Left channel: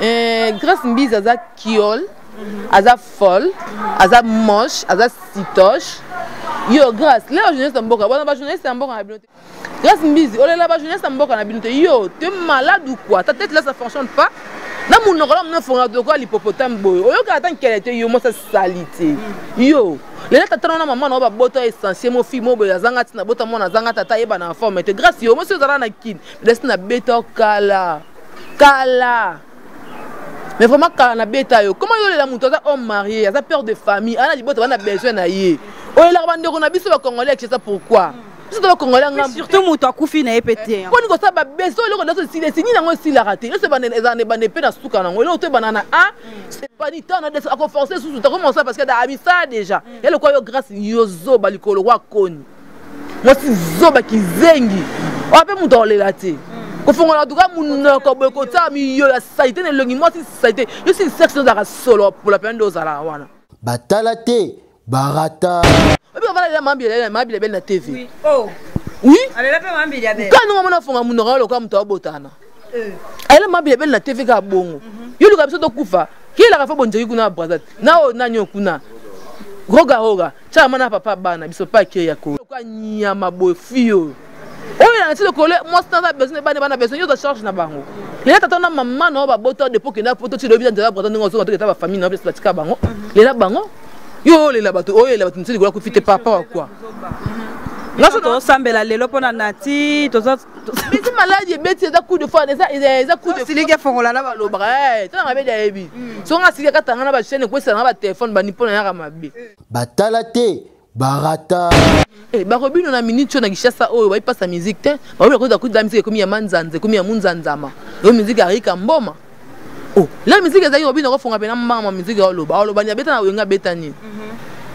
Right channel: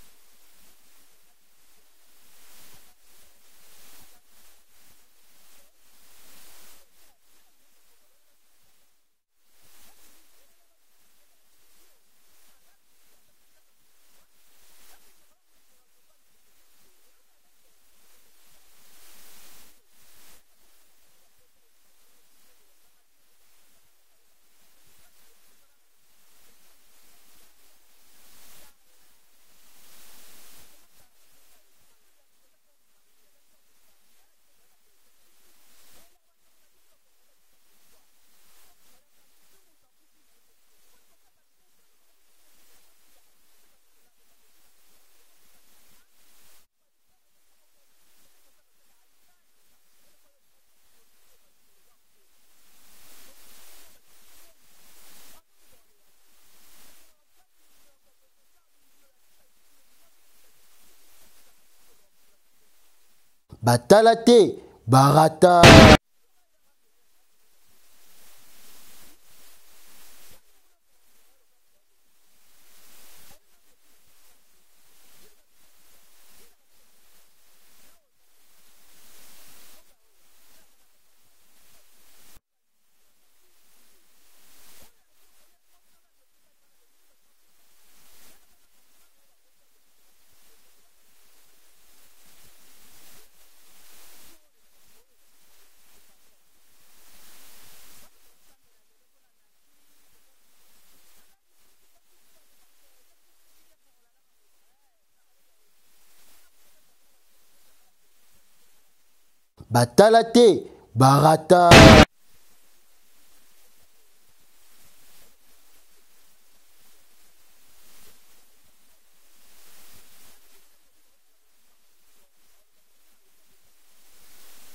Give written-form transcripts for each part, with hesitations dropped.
Grâce Mbizi aza kiol, aza folle, aza moche, aza sitoche. Yo, grâce, là, jeunesse d'Amboka, bon, jeunesse d'Amboka, grâce Mbizi, oh là, jeunesse d'Amboka, yo, tu es malade ou quoi? Ta tête là, ça fonctionne pas? Na mon oral, on a fait de quoi l'hippopotame boy. Yo, quand qu'elle était, yo, moi, ça salité. Yo, les lettres, t'as un maman, on va botter essentiel, mon fils, mon boy, zanga, tina, botter mon zanga, tata, yeba, na forme, mais grâce, yo, moi, c'est ça, na kid, laisse na bêta, kala. Mais vraiment, quand on a bêta, comment il a monté homme marié, il a peur de famille, il a besoin d'aller. Oh, il a vendu, on a besoin de Congolais, c'est ça pourquoi. Surtout, Mouta Koufi n'a pas pété. Quand on a besoin de se signer, il a raté. C'est pas des pédés dans ce cas. C'est pas du temps, on a forcé sous tout. Comment ça? Parce qu'il y a des ça déjà. Et le quoi, grâce à Yozo, Balikolo, Wakoni. Moi, c'est Zoba qui zengi. On a pas mon temps les ratés. Quand on a tout cas, mon côté, ça a été le moi, ça a été. Je suis une section de solo pour la peine d'os à la wana. Batalate, Barata. On va aller à ma belle na TV. Oui. Oh. Oui? Elle a pas ma belle. Quand nous avons fait mon oral, comme tu as botana. Elle a ma belle na TV ka bongo. Yo le kapso to kufa. Qui la fa bonjeri kuna brazat. Na o na nyokuna. Roga. Cha mana papa bana biso pa ke yako. Kwa nyama boy fio. Oh il a dit le collègue moi c'est besoin bana besoin yo de charge na bango. Les tata na maman na ba boto de poke na poto ti le bien de la brazat ngo so to ta famille na place tika bango. Les la bango. Yo les là-bas, oh les là-bas, tu ne sais pas quoi faire papa quoi. Là c'est ton sambela lelo pona nati, to ça. Mais c'est malade, il bête ça coup de fois, ça coup de. Si les gars font là là le bras, tu n'as pas d'avis. Si on a si quand on a ba chaîne quoi ça na ba téléphone ba nipo na mabe. Batalate, Barata. Eh ba Robino na minute na kishasa oh va passer musique te. Ba ko da coup de musique comme ya manzanze, comme ya munzanzama. Yo musique arika mboma. Oh, la musique ezali Robino ko fonga pena mbama musique ya loba. Loba nya beta na wenga beta ni.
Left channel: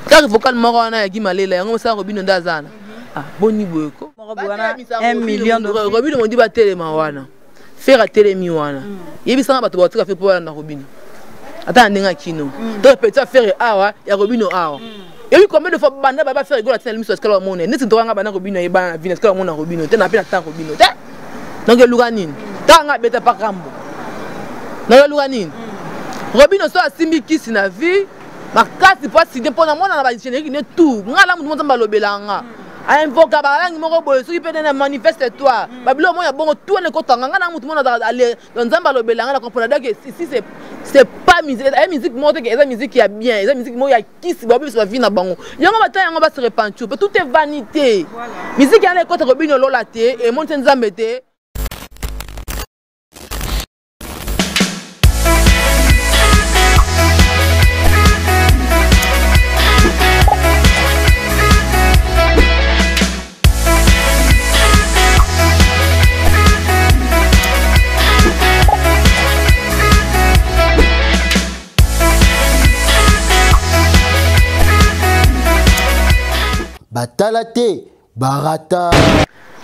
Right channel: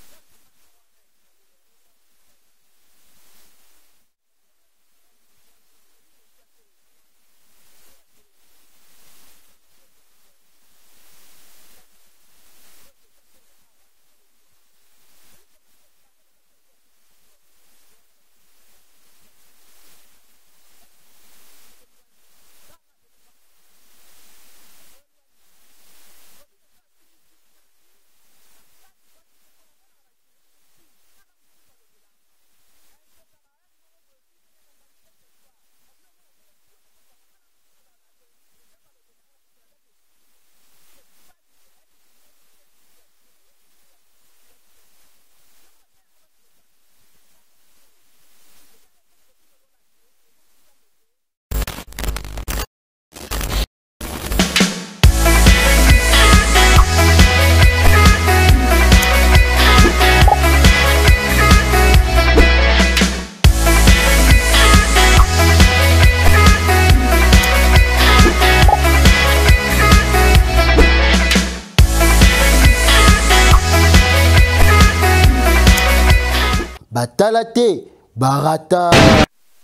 Car vocal moko na ya gimalela yango sa Robino ndazana. Ah, boni boyeko. 1 million de Robino mo di ba telema wana. Faire telemi wana. Yebisa ba to ba tuka fe po na Robino. Ata ndenga kino. To petit faire awa ya Robino awa. Et lui combien de fois banda ba faire rigolo tena limiso skala mona. Nesi to nga bana Robino yeba na vina skala mona Robino. Tena pena ta Robino. Donc luga nini? Ta nga beta pa kambo. Na luga nini? Robino so asimbi kisi na vie. Makasi pas si pour na mona na ba générique ne tout. Ngala mutu monza balobelanga. A invoca ba langi moko boyo soki pe na manifeste toi. Babilo mo ya bongo tout ne kotanga ngana mutu mona aller dans nzamba lobelanga na comprendre que si c'est pas musique, la musique montre que la musique est bien, la musique mo ya kisi ba biso vie na bango. Yango bata yango ba se repentir. Tout est vanité. Musique ya na côté Robino lola te et monte nzambe te. Batalate, Barata.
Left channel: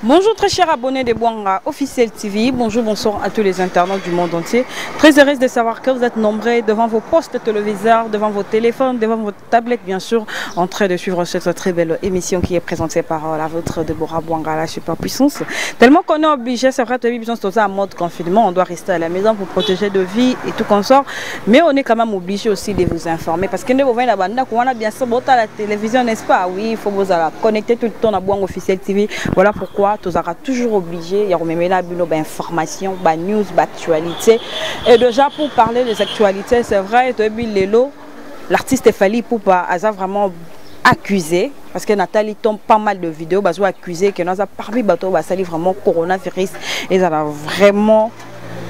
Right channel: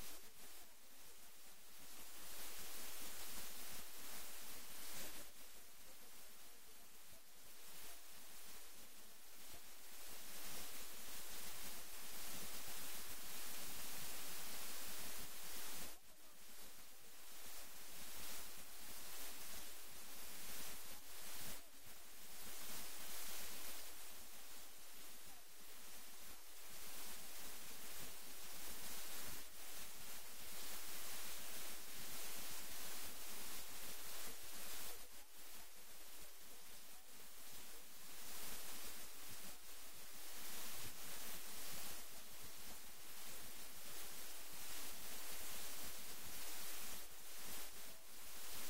Bonjour très chers abonnés de Bwanga Officiel TV, bonjour, bonsoir à tous les internautes du monde entier. Très heureuse de savoir que vous êtes nombreux devant vos postes téléviseurs, devant vos téléphones, devant vos tablettes bien sûr, en train de suivre cette très belle émission qui est présentée par la vôtre Deborah Bwanga, la superpuissance. Tellement qu'on est obligé, c'est vrai, de besoin en mode confinement, on doit rester à la maison pour protéger de vie et tout consort, mais on est quand même obligé aussi de vous informer parce que nous voyons la bien sûr à la télévision, n'est-ce pas? Oui, il faut vous connecter tout le temps à Bwanga Officiel TV, voilà pourquoi tu seras toujours obligé, il y a une information, une news, une actualité. Et déjà pour parler des actualités, c'est vrai, l'artiste Fally Ipupa a vraiment accusé, parce que Nathalie tombe pas mal de vidéos, bah, accusé que nous avons parmi bateau, bah, ça vraiment coronavirus, et ça a vraiment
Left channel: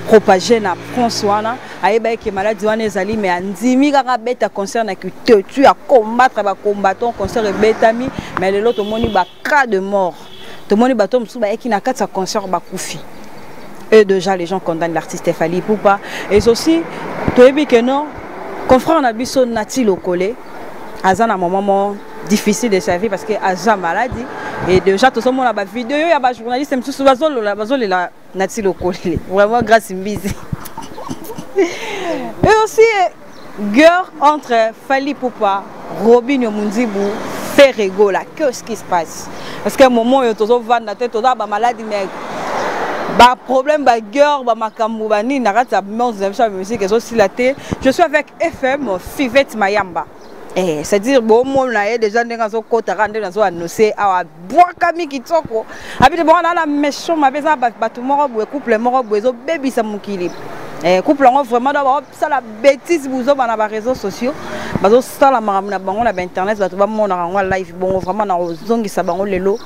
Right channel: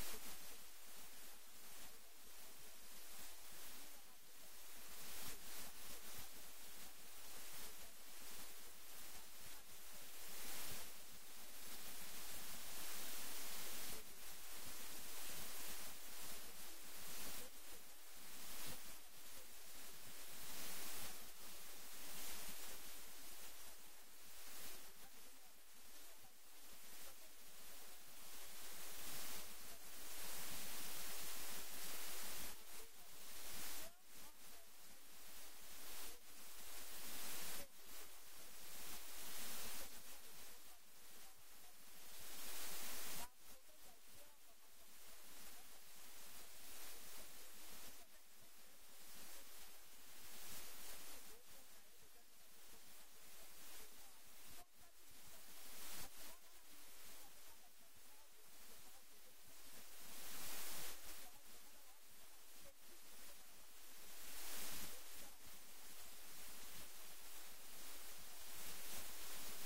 propagé na François na ayeba ke maladie wana ezali mais andimi kaka beta concert na que tu à combattre ba combattant concert betami mais le lot moni ba cas de mort. Tout le monde bateau msuba qui n'a qu'à sa concert bakoufi. Et déjà les gens condamnent l'artiste Fally Ipupa. Et aussi, tu as vu que non, confrère on a vu son nati locolé. Azan a un moment difficile de sa vie parce que Azan maladie. Et déjà tout le monde a une vidéo, il y a un journaliste qui est la nati locolé. Vraiment grâce à Mbizi. Et aussi, guerre entre Fally Ipupa, Robinho Munzibu, Ferrego là, qu'est-ce qui se passe? Parce qu'à un moment, il y a toujours la tête, il y a maladie, mais Bah problème bah guerre bah makambo bah ni nakati ya musique aussi la té. Je suis avec FM Fivette Mayamba. Eh, c'est-à-dire bon moi na déjà ndenga zo kota rande na zo annoncer awa boaka mi kitoko. Habite bon na méchant ma beza ba tout moko boe couple moko boe zo baby sa mukili. Eh couple ngo vraiment d'abord ça la bêtise vous na ba réseaux sociaux. Bazo ça la maramuna bango na internet ba to ba mona ngo live bon vraiment na zongisa bango lelo.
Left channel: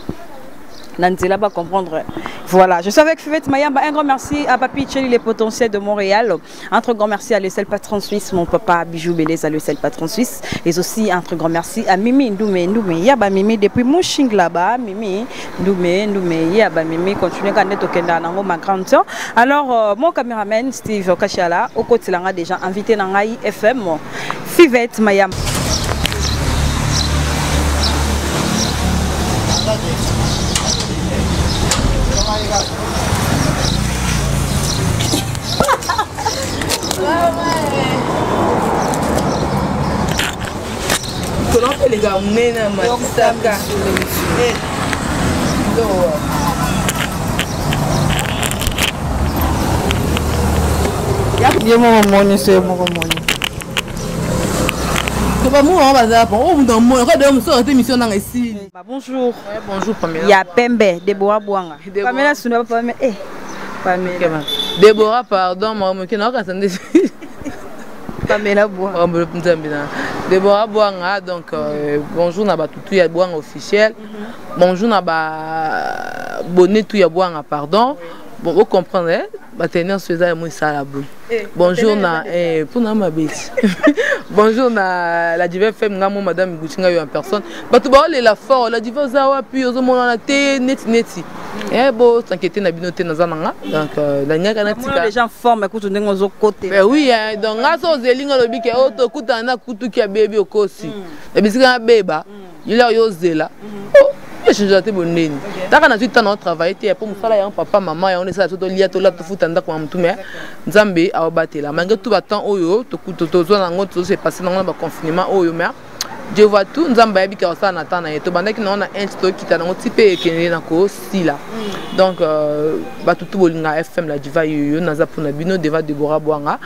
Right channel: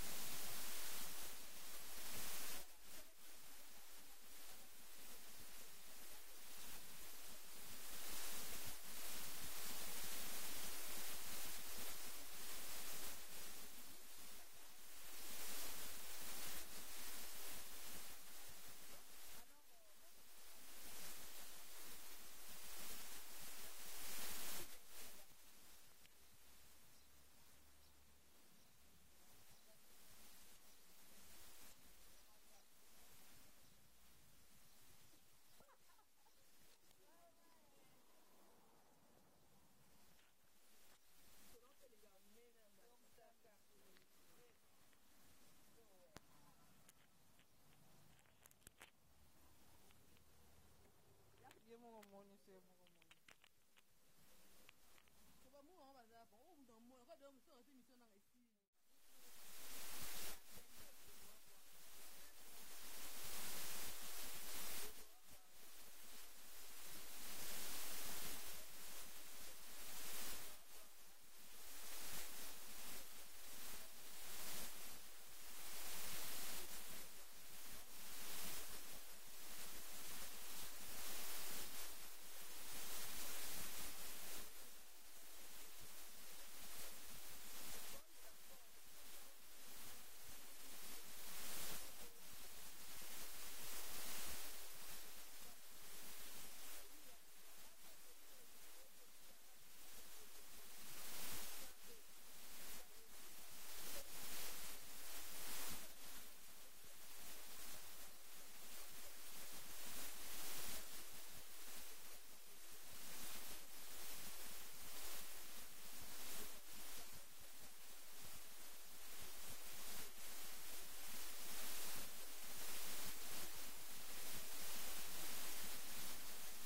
Nanzela va comprendre. Voilà, je suis avec Fivette Mayamba. Un grand merci à Papi Tcheli, les potentiels de Montréal. Un très grand merci à le seul patron suisse, mon papa Bijou Bélez, à le seul patron suisse. Et aussi un très grand merci à Mimi Ndoumé. Yaba Mimi, depuis mon ching là-bas, Mimi Ndoumé, Yaba Mimi, continue à être au Kenda, ma grande soeur. Alors, mon caméraman Steve Kachala, au côté là, déjà invité dans Ngai FM, Fivette Mayamba. Les gars, on est dans ma tissaka. Il y a mon money, c'est mon money. Bonjour. Bonjour, Pamela. Il y a Pembe, Déborah Bouanga. Pamela, ce n'est pas Pamela. Eh, Pamela. Déborah, pardon, moi, je ne Pamela Bouanga. Déborah Bouanga, donc bonjour, na tout ya Bouanga officiel. Bonjour, na bonnet tout ya Bouanga, pardon. Bon, vous comprenez, tenir ce ça moi ça la boule. Bonjour na pour na ma bête. Bonjour na la diva femme ngamo madame Guchinga yo en personne. Batu ba la fort la diva zawa puis ozo mona na te neti. Bon t'inquiète na binoté na zananga. Donc la nyaka na tika. Les gens forment écoute ndengo zo côté. Ben oui donc ngaso zelinga lobi ke auto kuta na kutu ki baby okosi. E bisika beba. Il a yo zela. Je suis déjà bonne. Dans la suite, on a travaillé pour me faire un papa, maman, et on est ça tout lié tout là tout fout en d'accord tout mais Zambé a battu là. Malgré tout battant oyo, tout coup tout zone en gros c'est passé dans le confinement oyo mais je vois tout Zambé habite à ça n'attend et tout pendant que on a un stock qui t'a dans type et qui est dans quoi si là. Donc bah tout bolinga FM la diva yo naza pour na bino deva Déborah Bouanga.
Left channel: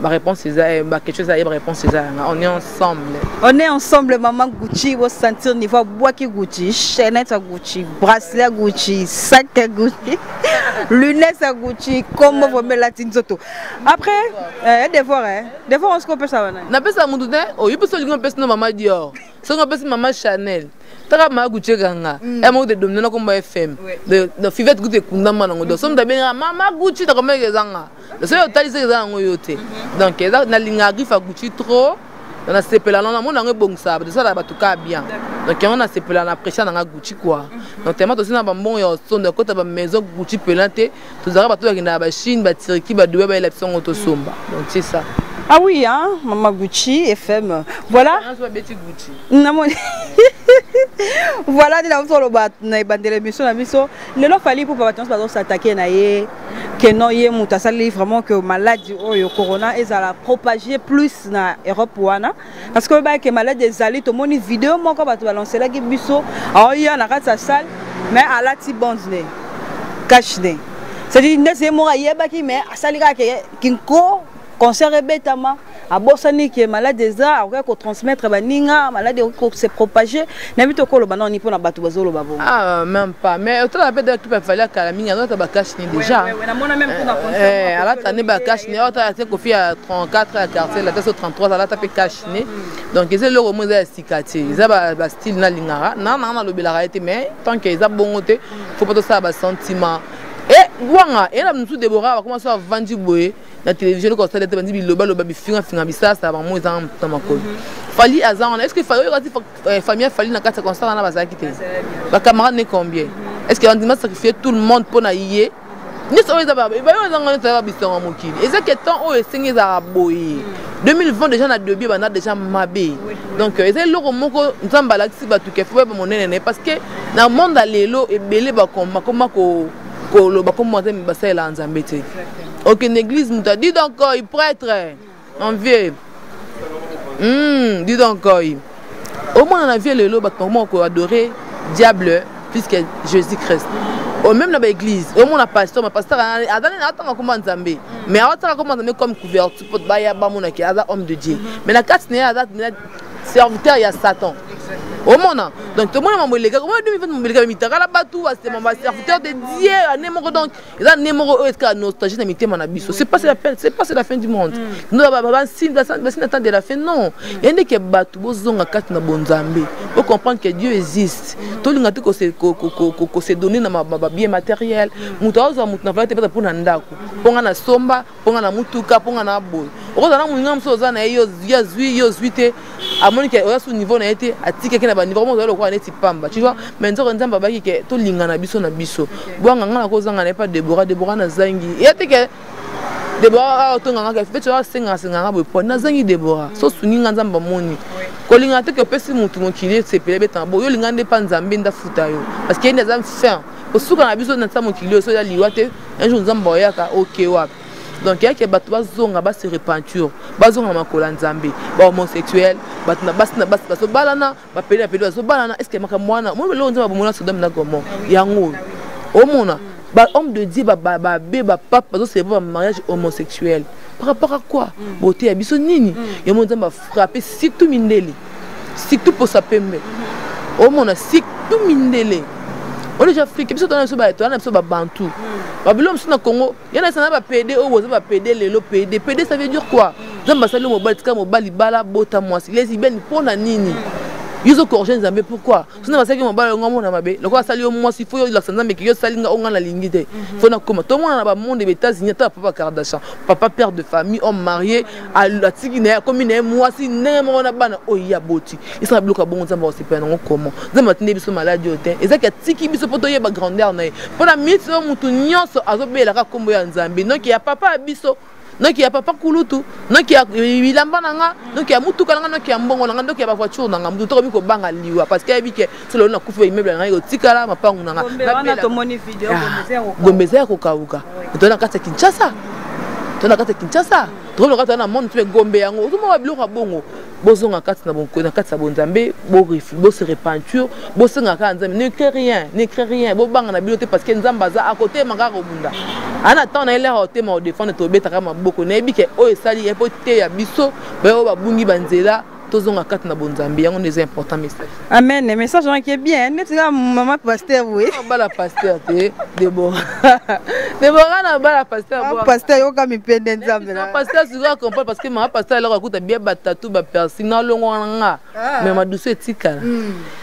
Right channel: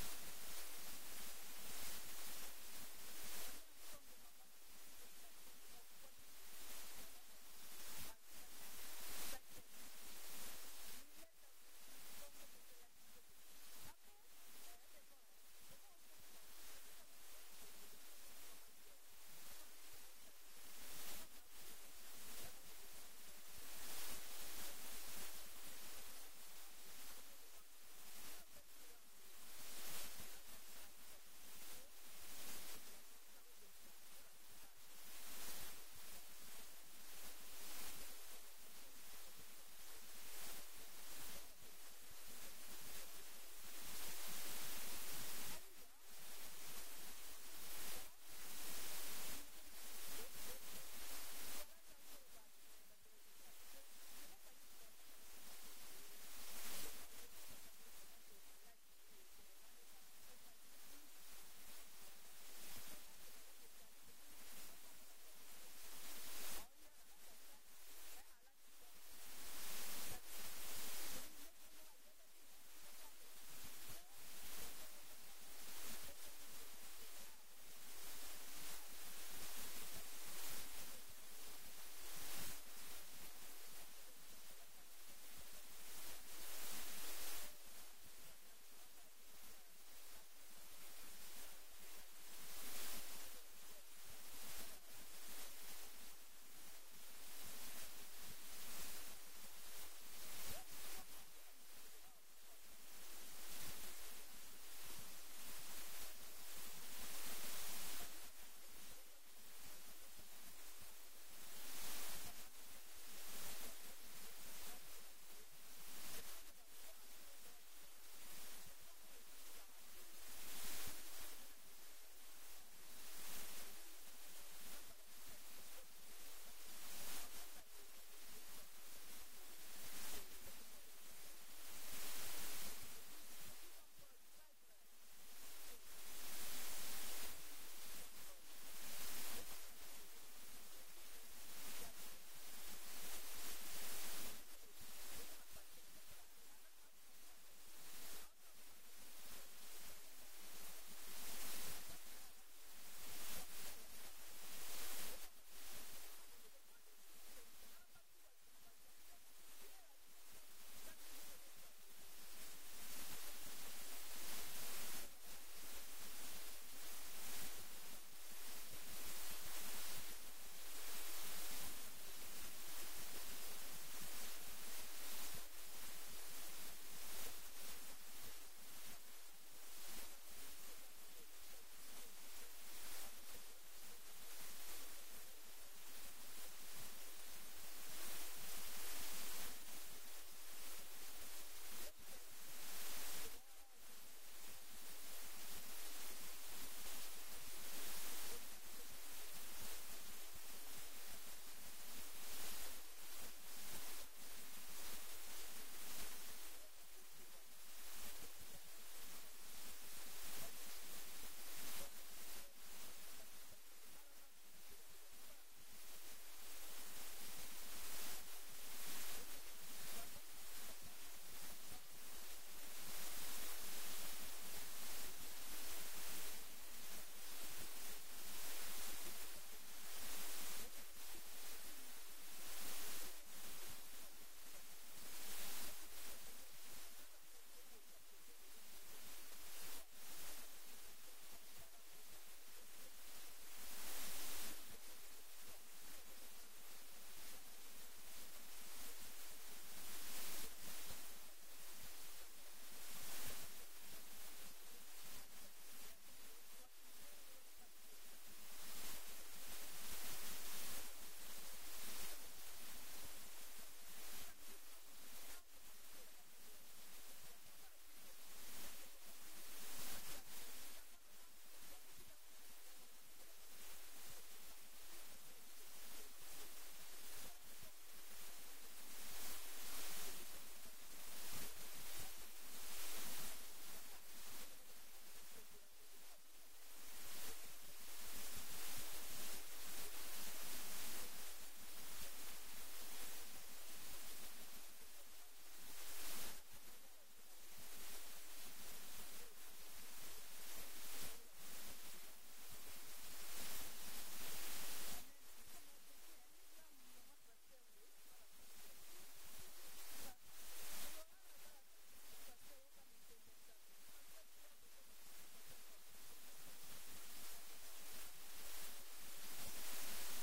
Ma réponse c'est ça bah quelque chose à y réponse c'est ça on est ensemble. On est ensemble maman Gucci vous sentir niveau bois qui Gucci, chaînette à Gucci, bracelet à Gucci, sac à Gucci, lunettes à Gucci, comme vous me la tinzoto. Après des fois on se compare ça. Na pesa mundu ne oh il peut se linger pesa maman Dior. Ça on pesa maman Chanel. Taka ma Gucci ganga. Et moi de dominer comme FM. De Fivette Gucci kundama nango. Donc somme d'abord maman Gucci ta comme ezanga. Le seul tali c'est ezanga ngoyote. Donc eza na linga grifa Gucci trop. On a sepela na mon nango bon ça. De ça là batuka bien. Donc on a sepela na pression na Gucci quoi. Donc tellement aussi na ba bon yo son de côté ba maison Gucci pelante. Tous ara batu na ba Chine ba tiriki ba doué ba élection auto somba. Donc c'est ça. Ah oui, hein, Maman Gucci, FM. Voilà. Voilà, il a fallu pour s'attaquer que non, il y a vraiment que maladie au corona et ça la propager plus na Europe parce que le malade des alliés, tout le monde vidéo, moi quand tu vas lancer la biso, il y a une salle, mais à la tibonne, cache. C'est-à-dire, c'est moi qui mais à salira qui concert bêtement à Bossani qui est malade des arts qu'on transmettre baninga malade qu'on se propager n'habite au colo banan ni pour na batu bazolo babo ah même pas mais autant la bête qui peut faire la minga non ta bakash ni déjà na mona même pour na à la tane bakash ni autant c'est qu'on fait à 34 à quartier la tête 33 à la tape cash ni donc c'est le romo za sikati za ba style na lingara na le belara été mais tant que ça bongoté faut pas tout ça ba sentiment et Bouanga et là nous Déborah va commencer à vendre boé la télévision comme ça les bandi biloba loba bifinga finga bisa ça va moi dans makolo fali azan est-ce que fali famille fali na kata constat na bazaki te ba camarade ne combien est-ce que on dit sacrifier tout le monde pour na yé ni so eza ba ba yo zanga na bisonga mokili et ça que temps o esengi za boye 2020 déjà na debut ba na déjà mabé donc c'est le moko nzamba la si ba tout que faut ba monene parce que na monde lelo e belé ba comme ko comme moi j'aime passer là en Zambie. Aucune église nous a dit donc il prêtre en vieux. Dis donc au moins on a vu le lot comment qu'on adorer diable plus que Jésus-Christ. même dans l'église, au moins la pasteur, ma pasteur a donné attends comment Nzambe. Mais attends comment Nzambe comme couverture pour baya ba mon qui est homme de Dieu. Mais la carte n'est pas serviteur il y a Satan. Au monde donc tout le monde m'a les gars comment demi fait les gars la batou c'est mon serviteur de Dieu numéro donc ils ont numéro est que nostalgie n'imité mon abisso c'est pas la fin du monde nous va signe d'attendre de la fin non il y a des batou bozonga kati na bonzambe pour comprendre que Dieu existe tout le monde que c'est donné na bien matériel mutu azo mutu na valeur peut-être pour ndako ponga na somba ponga na mutuka ponga na boy okozana muninga msoza na yo zuite amoni que au niveau na été atike ke na ba niveau mo zalo kwa neti pamba tu vois mais nzoko nzamba baki ke to linga na biso bwanga ngana ko zanga na pas Deborah na zangi yate ke Deborah to nganga ke fait senga bo po na zangi Deborah so suninga nzamba moni ko linga te ke pesi mutu mokili sepele betambo yo linga nde pa nzambe nda futa yo parce que nda fin ko suka na biso na tsa mokili so ya liwate un jour nzamba yaka okay wapi. Donc il y a des gens qui se repentir, qui se homosexuels, qui balana, est-ce que moi homme de Dieu, papa, c'est un mariage homosexuel. Par rapport à quoi? Beauté, il y a des gens qui frappé, surtout Mindeli, surtout pour sa pembe. Au monde, surtout Mindeli. On est africain, puis on a besoin de bantou. Babylone sur le Congo, il y en a qui PD, ou PD, les PD, ça veut dire quoi? Zambasalo mobile, tika mobile, bala, bota moi, les ibènes pour la nini. Ils ont corrigé Nzambe pourquoi? Sinon parce que mobile on ngamo na mabe. Le quoi sali au moi s'il faut la Nzambe qui yo sali nga onga la lingité. Faut na comment tout le monde na ba monde des États-Unis ta papa Kardashian, papa père de famille, homme marié, à la tigine comme une moi si némo na bana o ya boti. Ils sont bloqués bon Nzambe aussi pas non comment. Nzambe tene biso maladie ote. Et ça que tiki biso poto ye ba grandeur na. Pour la minute so mutu nyonso azobela ka kombo ya Nzambe. Donc il y a papa biso non qui a papa kulutu non qui a ilamba nanga non qui a mutuka nanga non qui a mbongo nanga non qui a voiture nanga mutu to biko banga liwa parce que abi ke selo na kufa immeuble nanga yo tikala mapangu nanga na to moni video gombeza ko kauka to na kata Kinshasa to na kata na monde tu gombe yango to mo babiloko bongo bozonga kati na bonko na kati sa bonzambe bo se repentir bo senga ka nzambe ne crée rien bo banga na bilote parce que nzamba za à côté manga robunda ana temps na ile hote ma défendre to beta kama boko na ebike o esali epote ya biso ba ba bungi banzela tozonga kati na bonzambe yango des importants messages. Amen, message qui est bien net maman pasteur oui bala pasteur te Deborah na bala pasteur yo kami pende nzambe na pasteur si vous comprenez parce que ma pasteur alors akuta bien batatu ba personne na longo nga mais ma douce etika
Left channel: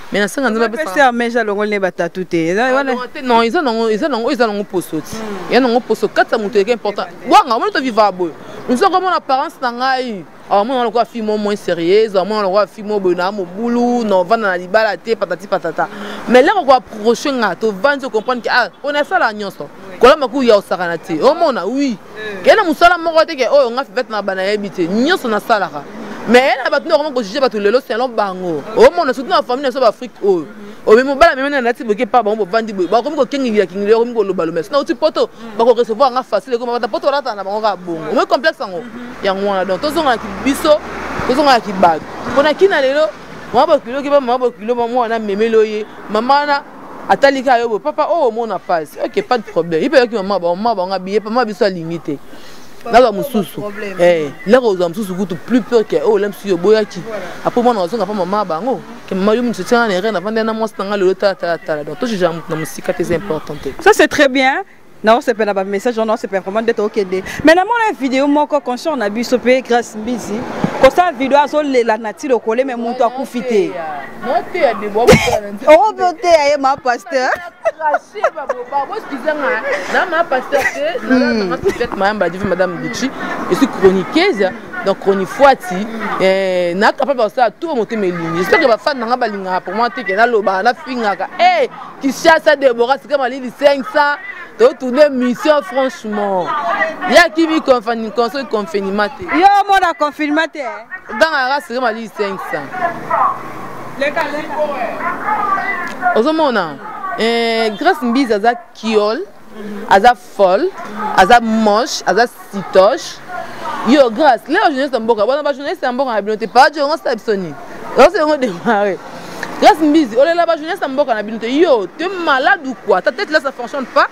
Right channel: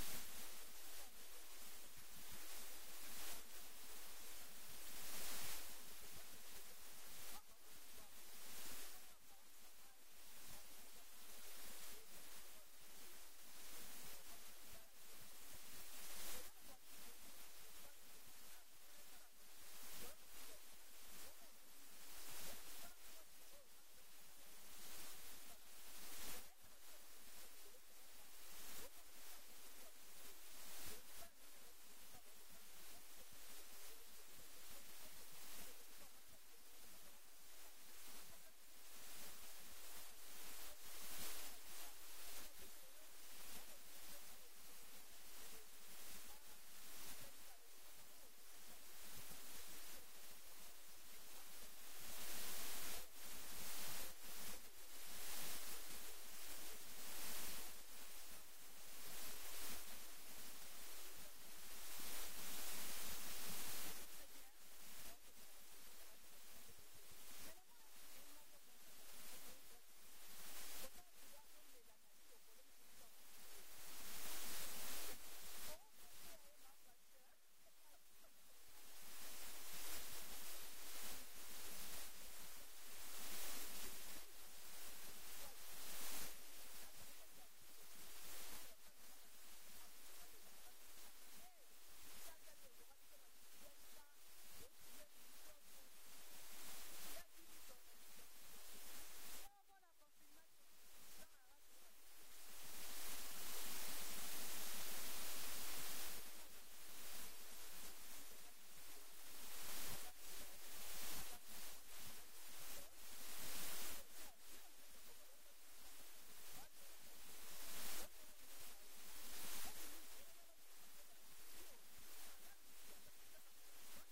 mais na sanga nzambe pasteur meja longo ne batatu te non ils ont posoti il y a non poso kata mutu qui important wanga on to vivable nous sommes comme en apparence na ngai alors moi on a fille moins sérieuse moi on a fille bona mo boulou non vendre na libala te patati patata mais là on va approcher nga to vendre comprendre que ah on a ça la nyonso kola maku ya osakana te o mona oui kena musala moko te ke o nga fait na bana yebite nyonso na salaka mais na batno vraiment ko juger batu lelo c'est long bango o mona surtout na famille na so Afrique o o même bala même na ti boke pa bango vandi ba ko ko kingi ko ko lo balo mais na uti poto ba ko recevoir nga facile ko ba poto rata na bango ka bongo o me complexe ngo ya ngwana donc tozonga ki biso tozonga ki bag kona kina lelo mwa kilo ki ba mwa kilo mwa na memeloye mama na atalika yo papa oh mon passe OK pas de problème il peut que maman ba ngabiye pas ma biso limité là mususu là aux mususu kutu plus peur que oh l'aime sur boyaki après moi on zonga pas maman bango que maman yo mutse tana rien avant na moi stanga le ta donc tout j'ai na musique très importante ça c'est très bien. Non, c'est pas un message, non, c'est pas vraiment d'être ok. Mais dans la vidéo, moi, quand on a vu ce pays grâce busy, quand ça vidéo, la nature au collé, mais mon temps profiter. Moi, tu es des bons. Oh, beauté, ma pasteur. Madame Gucci, je suis chroniqueuse, donc chroniqueuse, et n'a capable de ça tout monter mes lignes. J'espère que ma femme n'a pas ligné pour moi, tu es là, la finga, eh, qui cherche à Deborah, c'est comme un livre 500. Toute une mission franchement. Il y a qui vit confinement. Il y a un monde à confinement. Dans la race, c'est comme 500. Aujourd'hui, grâce à Mbiz, à Kiol, à Folle, à Moche, à Sitoche. Yo, grâce. Là, je ne sais pas si je ne sais pas si je ne sais pas si je ne sais pas si je ne sais pas si je ne sais pas si Grâce Mbizi, on est là-bas, jeunesse, on a bien yo, tu es malade ou quoi? Ta tête là, ça fonctionne pas.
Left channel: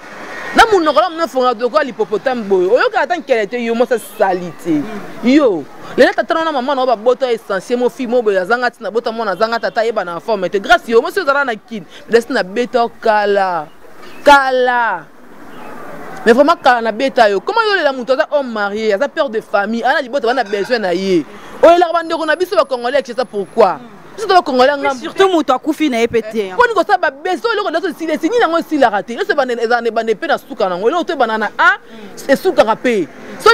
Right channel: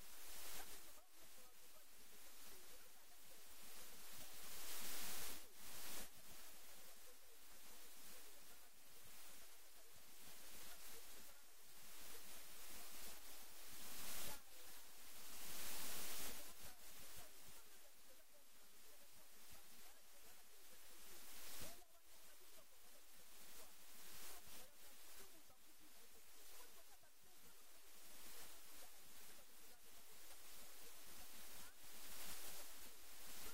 Na mon nom, on a fait de quoi l'hippopotame boy. Oyo quand qu'elle était yo, moi ça salité. Yo, les là t'attends na maman, on va botter essentiel, mon fils, mon boy, zanga tina botter mon zanga tata yeba na forme. Mais grâce yo, moi c'est ça na kin. Laisse na beta kala, kala. Mais vraiment kala na beta yo. Comment yo les la ça homme marié, ça père de famille, ana libota on a besoin na yé. Oyo la bande on a biso ba congolais, c'est ça pourquoi? Surtout Moutou Koufi n'a pété. Quand on a besoin de si les signes n'ont si la raté. C'est pas des bandes peine à souka n'ont l'autre banana a c'est souka rapé. Soit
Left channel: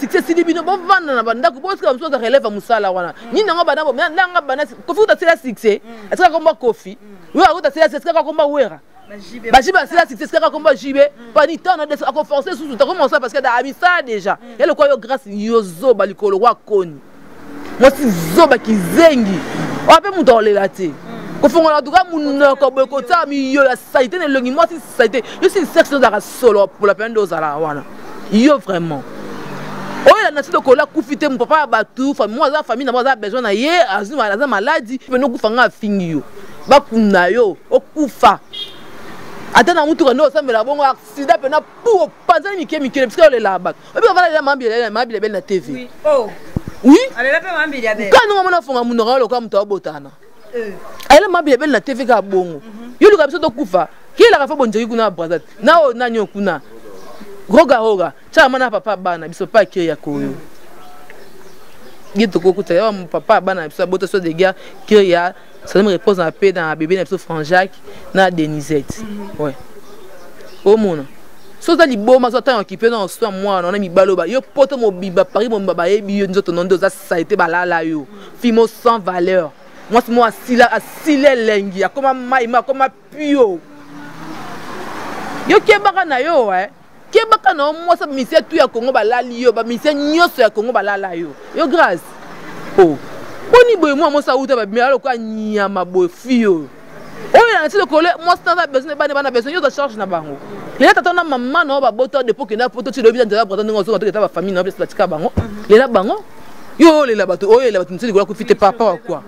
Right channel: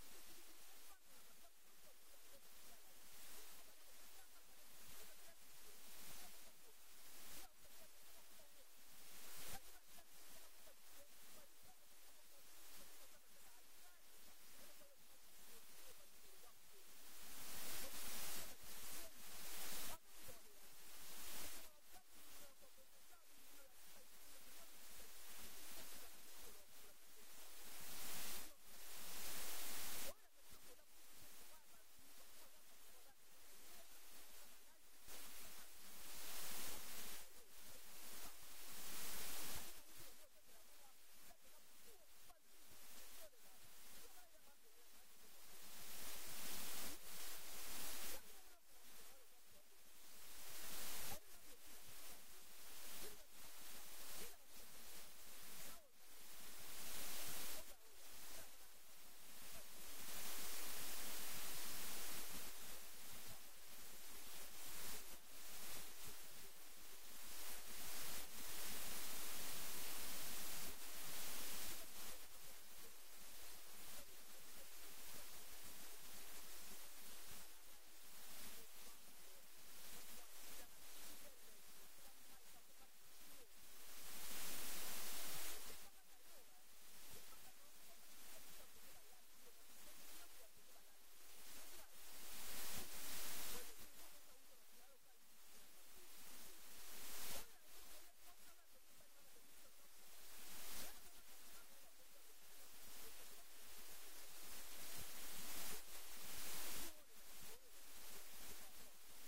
c'est si des bino bon vendre na banda ko parce que comme ça relève à musala wana. Ni n'ont pas d'abord n'anga bana kofi ta c'est la succès. Est-ce que combat kofi? Oui à ta c'est la succès combat wera. Bajiba c'est la succès combat jibé. Pas ni temps à conforcer sous tout comment ça parce que da ça déjà. Et le quoi yo grâce yozo balikolo wa koni. Moi si zoba ki zengi. On peut monter là tu ko fongo la duka mun ko be ko ta mi yo la saité ne longi moi si saité yo si section da solo pour la peine d'ozala wana yo vraiment oh la nature ko la kufite mon papa batu moi za famille na moi za besoin na ye azuma la za maladie pe no kufanga fingi yo ba kuna yo okufa atana mutu no sambela bongo accident pe na pour panza mi kemi parce que le là bas et puis on va la mambile belle na TV oui oh oui allez là pas mambile belle quand on a fonga mun no ka mutu abotana elle m'a bien na TV ka bongo yo luka biso to kufa ki la ka fa bonjeri kuna brazat na o na nyo kuna roga cha mana papa bana biso pa ki ya koyo gito ko kuta ya papa bana biso boto so de gars ki ya ça me repose en paix dans bébé na biso Franjac na Denisette ouais au mona so za liboma so ta occupé dans so moi on a mi baloba yo poto mo biba Paris mo baba e bi yo nzoto nondo za ça été balala yo fimo sans valeur. Moi, c'est moi, asile lengi, comme maïma, comme pio. Yo kebaka na yo, kebaka na moi, ça mission tout ya Congo balali yo, ba mission nyoso ya Congo balala yo. Yo grâce. Oh. Boni boy moi ça outa ba mais quoi nyama boy fio. Oh ya nti le collé, moi ça besoin ba besoin yo de charge na bango. Les tata na maman na ba boto de pour que na poto tu le bien de la prendre ngo so ka ba famille na place platika bango. Les la bango. Yo les la bato, oh les la bato nti ko fite papa quoi.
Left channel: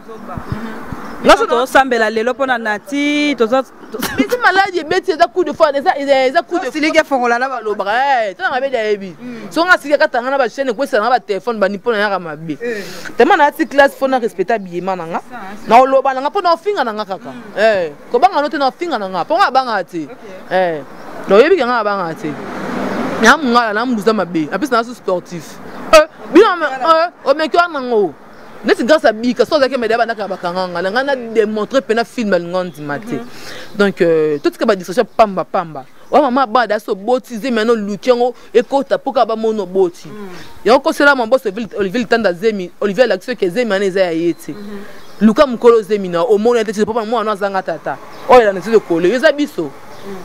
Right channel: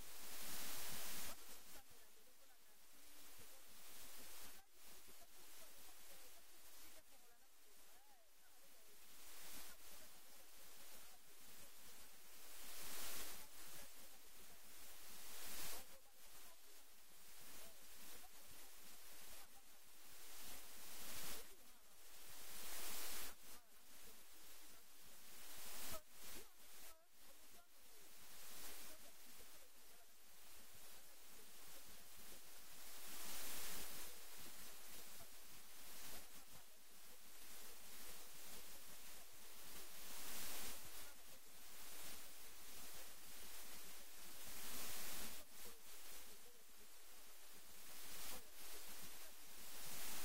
Là, on s'embelle les lopes en nati, tout ça. Mais c'est maladie, mais c'est un coup de fois, c'est un coup de. Si les gars font la lave, le bras, tu as un baby. Si on a si les gars, tu as un chaîne, quoi, ça n'a téléphone, bani pour la ramabe. Tellement na si classe, faut na respecter bien mananga. Na lo bananga pour na finga nanga kaka. Ko banga no te na finga nanga, pour nga banga ti. Lo yebi nga banga ti. Nya mungala na mbuza mabe, apesi na sportif. Bien o mekwa nango. N'est-ce grâce à Bika, sans que mes débats n'a pas démontré pena film à l'ingénieur maté. Donc tout ce qui va distraction pamba. Ouais maman bada so botisé maintenant Lukiango et kota pour kaba mono boti. Et encore cela mon boss Olivier Tanda Zemi, Olivier l'action que Zemi aneza yete. Luka mukolo Zemi na au monde était papa moi na zanga tata. Oh il a nécessité de coller. Yeza biso.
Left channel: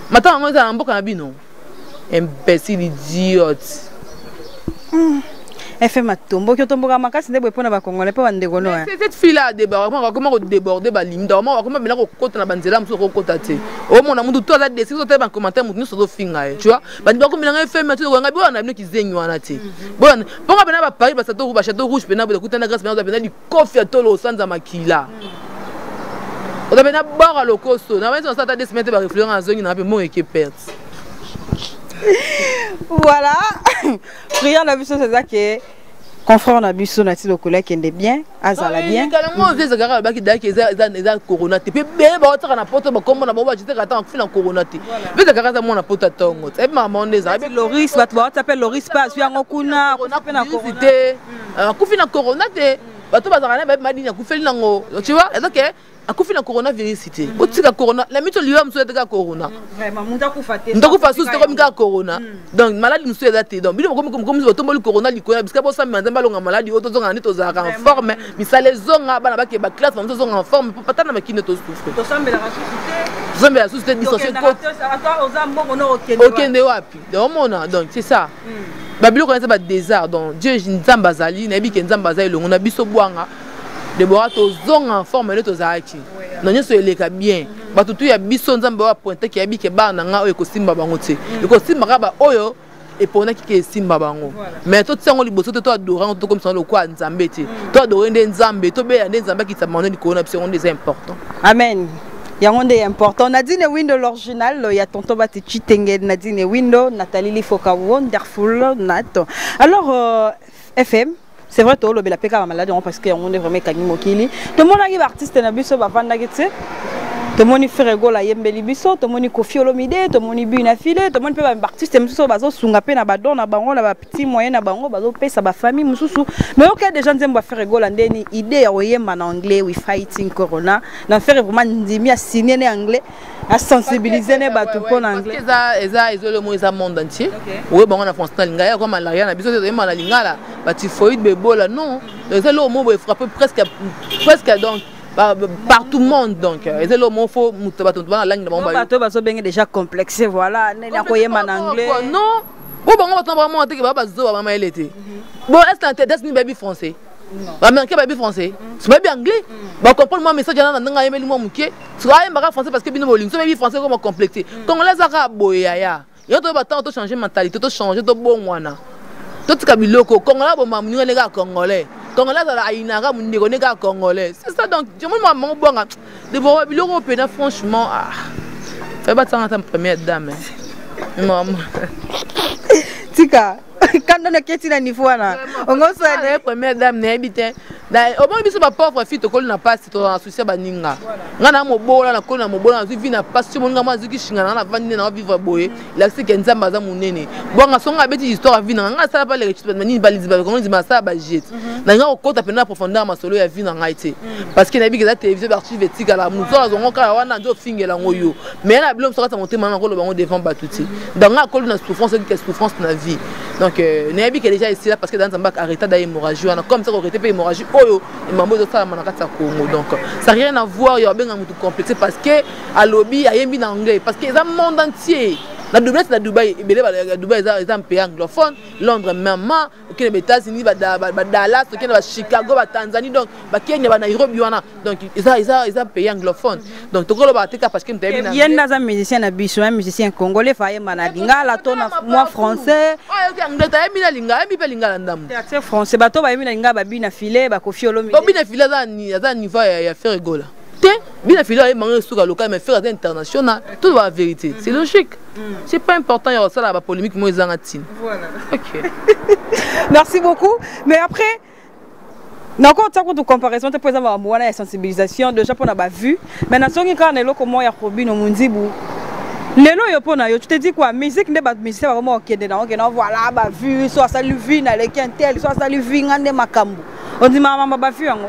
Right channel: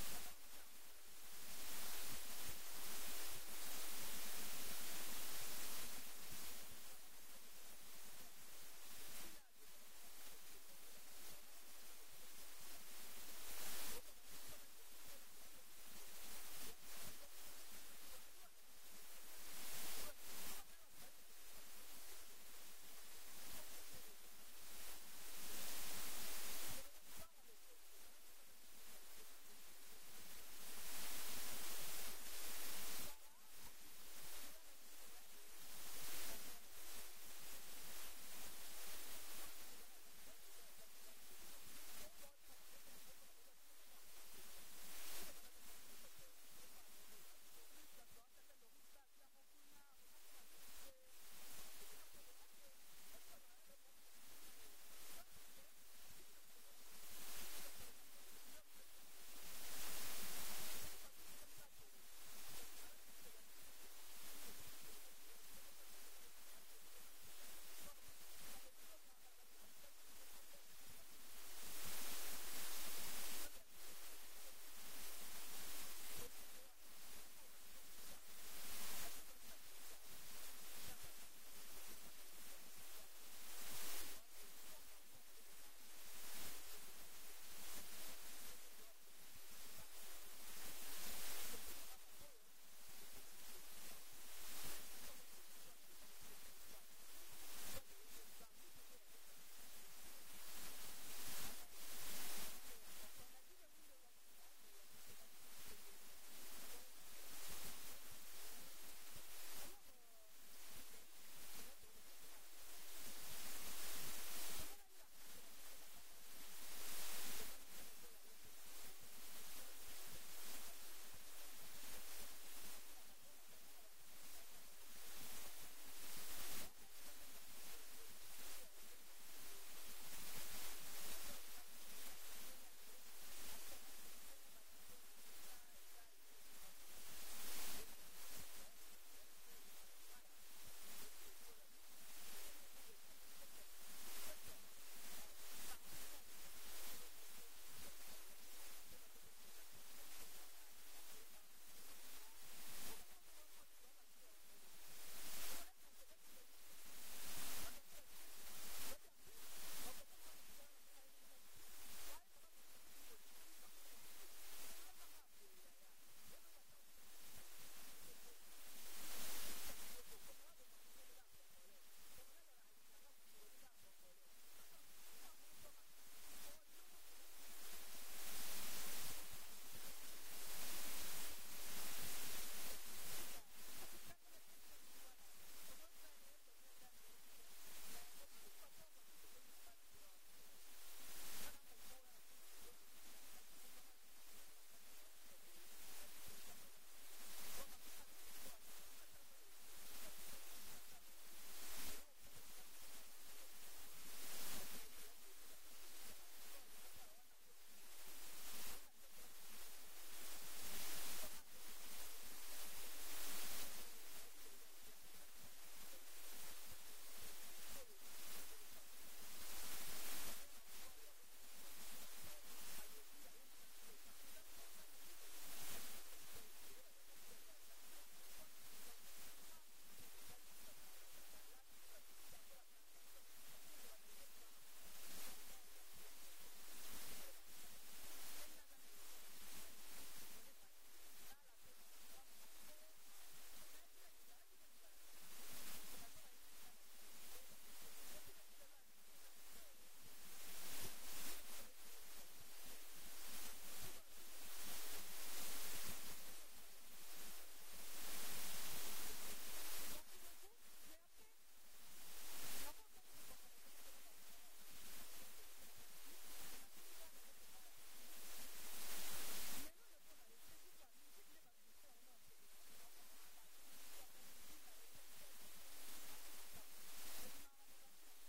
Maintenant on a un mboka na bino. Imbécile idiote. Elle fait ma tombe, qui tombe à ma casse, n'est pas pour la Congolais, pas un dégono. Cette fille-là, comment déborder, comment bien côté la banzela, sur le côté. Oh mon amour, tout ça, des choses, un commentaire, nous sommes fingailles, tu vois. Bah, comme il a fait, mais tu vois, on a bien qui zègne, on a été. Bon, pour qu'on a Paris, parce que château rouge, pénal, de coûter la grâce, mais on a bien du coffre à tolo sans amakila. On a bien boire à l'ocoso, on a bien ça, des semaines, réfléchir à la zone, on a bien mon équipe perte. Voilà. Prière la biso c'est ça que confrère na biso na ti lokole kende bien azala bien. Carrément des agara ba ki daki eza corona te pe be ba otaka na poto ba kombo na bo ba jite kata kufina corona te. Be agara za mona poto tongo. E maman ndeza be Loris ba to appelle Loris pas sur ngokuna pe na corona te. Kufina corona te. Ba to ba zaka na ba madini kufeli nango. Tu vois? Donc akufi na coronavirus cité otika corona la mito liwa mso eteka corona vraiment munta kufa sous comme ka corona donc maladie mso ezate donc bino comme otomboli corona likona parce que bo sa manzamba longa maladie oto zonga nito za en forme misale zonga bana ba ke ba classe mso zonga en forme pour patana makine to souffre to sambela ressuscité zambela suscité dissocié okende wapi donc mona donc c'est ça babilo connaît ba désert donc Dieu nzamba zali na bi ke nzamba zali longa na biso bwanga de boire to zong en forme de to zaki non nyoso eleka bien batutu ya biso nzamba wa pointer ki abi ke ba na nga oyo kosimba bango te ko simba ka ba oyo et pour na qui simba bango mais tout ça on liboso to adorant to comme ça le quoi nzambe ti to adorer nzambe to be nzambe qui s'amène du corona c'est des important amen. Il y a un des important. Nadine Window l'original, il y a tonton Batichi Tenge, Nadine Window, Nathalie Lifoka, wonderful, Nat. Alors, FM, c'est vrai, tu as la péka malade parce qu'on est vraiment Kagni Mokili. Tout le monde a artiste na biso ba vanda getse. Tout le monde fait rigolo à Yembeli biso, tout le monde Kofi Olomide, tout le monde bu na filé, tout le monde peut ba artiste mususu bazo sunga pe na badon na bango na ba petit moyen na bango bazo pesa ba famille mususu. Mais OK des gens aiment faire rigolo ndeni idée ya oyemba na anglais we fighting corona. Na faire vraiment ndimi a signer en anglais, à sensibiliser les bateaux pour anglais. Ils ont le mot ils monde entier. Oui bon on a France na linga ya comme malaria na biso te yemba na linga la ba typhoïde bebola non. Ils ont le mot frapper presque donc par tout le monde donc et c'est le mot faut mutuba la langue de mon bateau bateau bien déjà complexé voilà na koyema en anglais non bon bon on va vraiment monter que baba zo maman elle était bon est-ce que c'est baby français américain baby français c'est baby anglais ba comprendre moi message na nga yemeli mo muke soit yemba français parce que bino boling so baby français comment complexé congolais aka boya ya yo to ba to changer mentalité to changer to bon wana to tika biloko congolais bo mamu nga lega congolais congolais à inara mundeko neka congolais c'est ça donc je me mon bon de bon biloko pena franchement fais pas ça en première dame maman tika quand on a quitté la niveau là on va se première dame n'habite au moins biso ba pauvre fille to ko na passe to associé ba ninga ngana mo bola na ko na mo bola na vi na passe mo nga mazuki shinga na vandi na vivre boye la c'est que nzamba za munene bon nga songa beti histoire vi na nga sala pas les récits ni balizi ba comment dit ma ça ba jet na nga ko ta pena profondeur ma solo ya vi na nga été parce que na bi que la télévision d'archive etika la muzo la zongo ka wana ndo fingela ngoyo mais na bilom sera ta monter maintenant ko lo bango devant batuti donc nga ko na souffrance que souffrance na vie donc na bi que déjà ici là parce que dans Zamba arrêta d'hémorragie on a comme ça arrêté pas hémorragie oyo et mambo de ça manaka ta Congo donc ça n'a rien à voir il y a bien un tout complexe parce que à lobby a yembi en anglais parce que dans le monde entier la Dubaï Dubaï est un pays anglophone Londres même OK les États-Unis Dallas OK Chicago Tanzanie donc Kenya Nairobi donc ils un pays anglophone donc to ko lo ba teka parce que mtayebi na yenda za musicien na biso un musicien congolais fa yemba na linga la tona moi français OK anglais ta yembi na linga yembi pe linga la ndamu c'est français bato ba yembi na linga ba bina filet ba Kofi Olomide bina filet za niveau ya faire rigola bien filer et manger sur le local mais faire international tout va la vérité c'est logique c'est pas important il y a ça la polémique moi ils en attendent voilà OK merci beaucoup mais après na ko tsako de comparaison te poza ba mwana ya sensibilisation déjà pour na ba vue mais na songi quand na loko mo ya Robino Munzibu lelo yo pona yo tu te dis quoi musique ne ba musique ba vraiment okende na okende voilà ba vue soit ça lui vit na le quintel soit ça lui vit ngande makambu on dit maman ba vue yango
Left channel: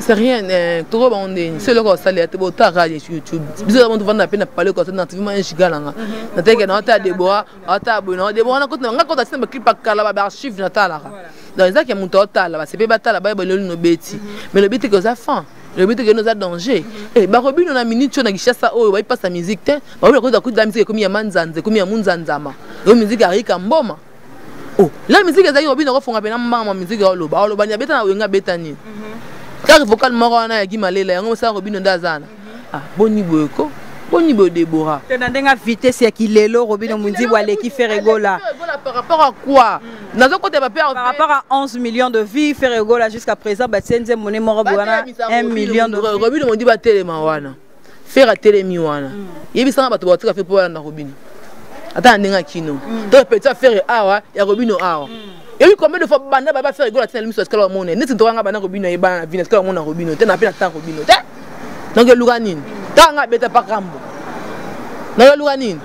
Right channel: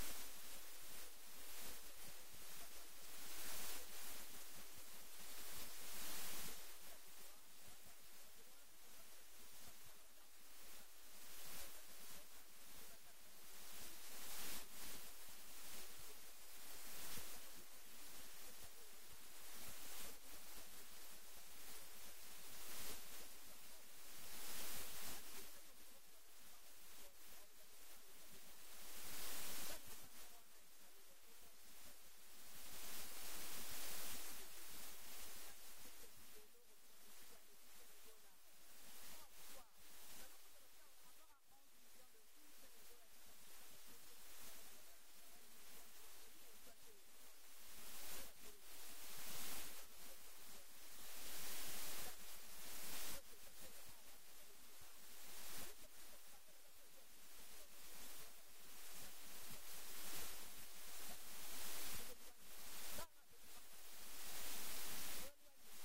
c'est rien trop bon c'est le ça les te bota radio YouTube bizarre on vendre peine parler comme ça dans TV un giga là na teke na ta Deborah ata bona Deborah na ko nga ko ta sema clip akala ba archive na ta là donc ça qui monte ta là c'est pas ta là ba le no beti mais le but que ça fin le but que nous a danger et ba Robino na minute na kishasa oyo ba passe musique te ba ko da ku da musique comme ya manzanze comme ya munzanzama yo musique arika mboma oh la musique za Robino ko fonga pena mama musique oloba nya beta na wenga beta ni car vocal morona ya gimalela yango sa Robino ndazana boni boyeko boni bo Deborah tena ndenga vitesse ya kilelo Robino Munzibu aleki fait rigola par rapport à quoi nazo côté par rapport à 11 millions de vies fait rigola jusqu'à présent ba tienze monnaie moro bwana 1 million de Robino Munzibu ba telema wana faire telemi wana yebisanga bato batika fait pour na Robino ata ndenga kino to peut faire awa ya Robino awa et oui combien de fois banda ba faire rigola tena limiso skala monnaie neti to nga bana Robino yeba na vina skala mona Robino tena pe na ta Robino te donc luganine tanga beta pakambo na luganine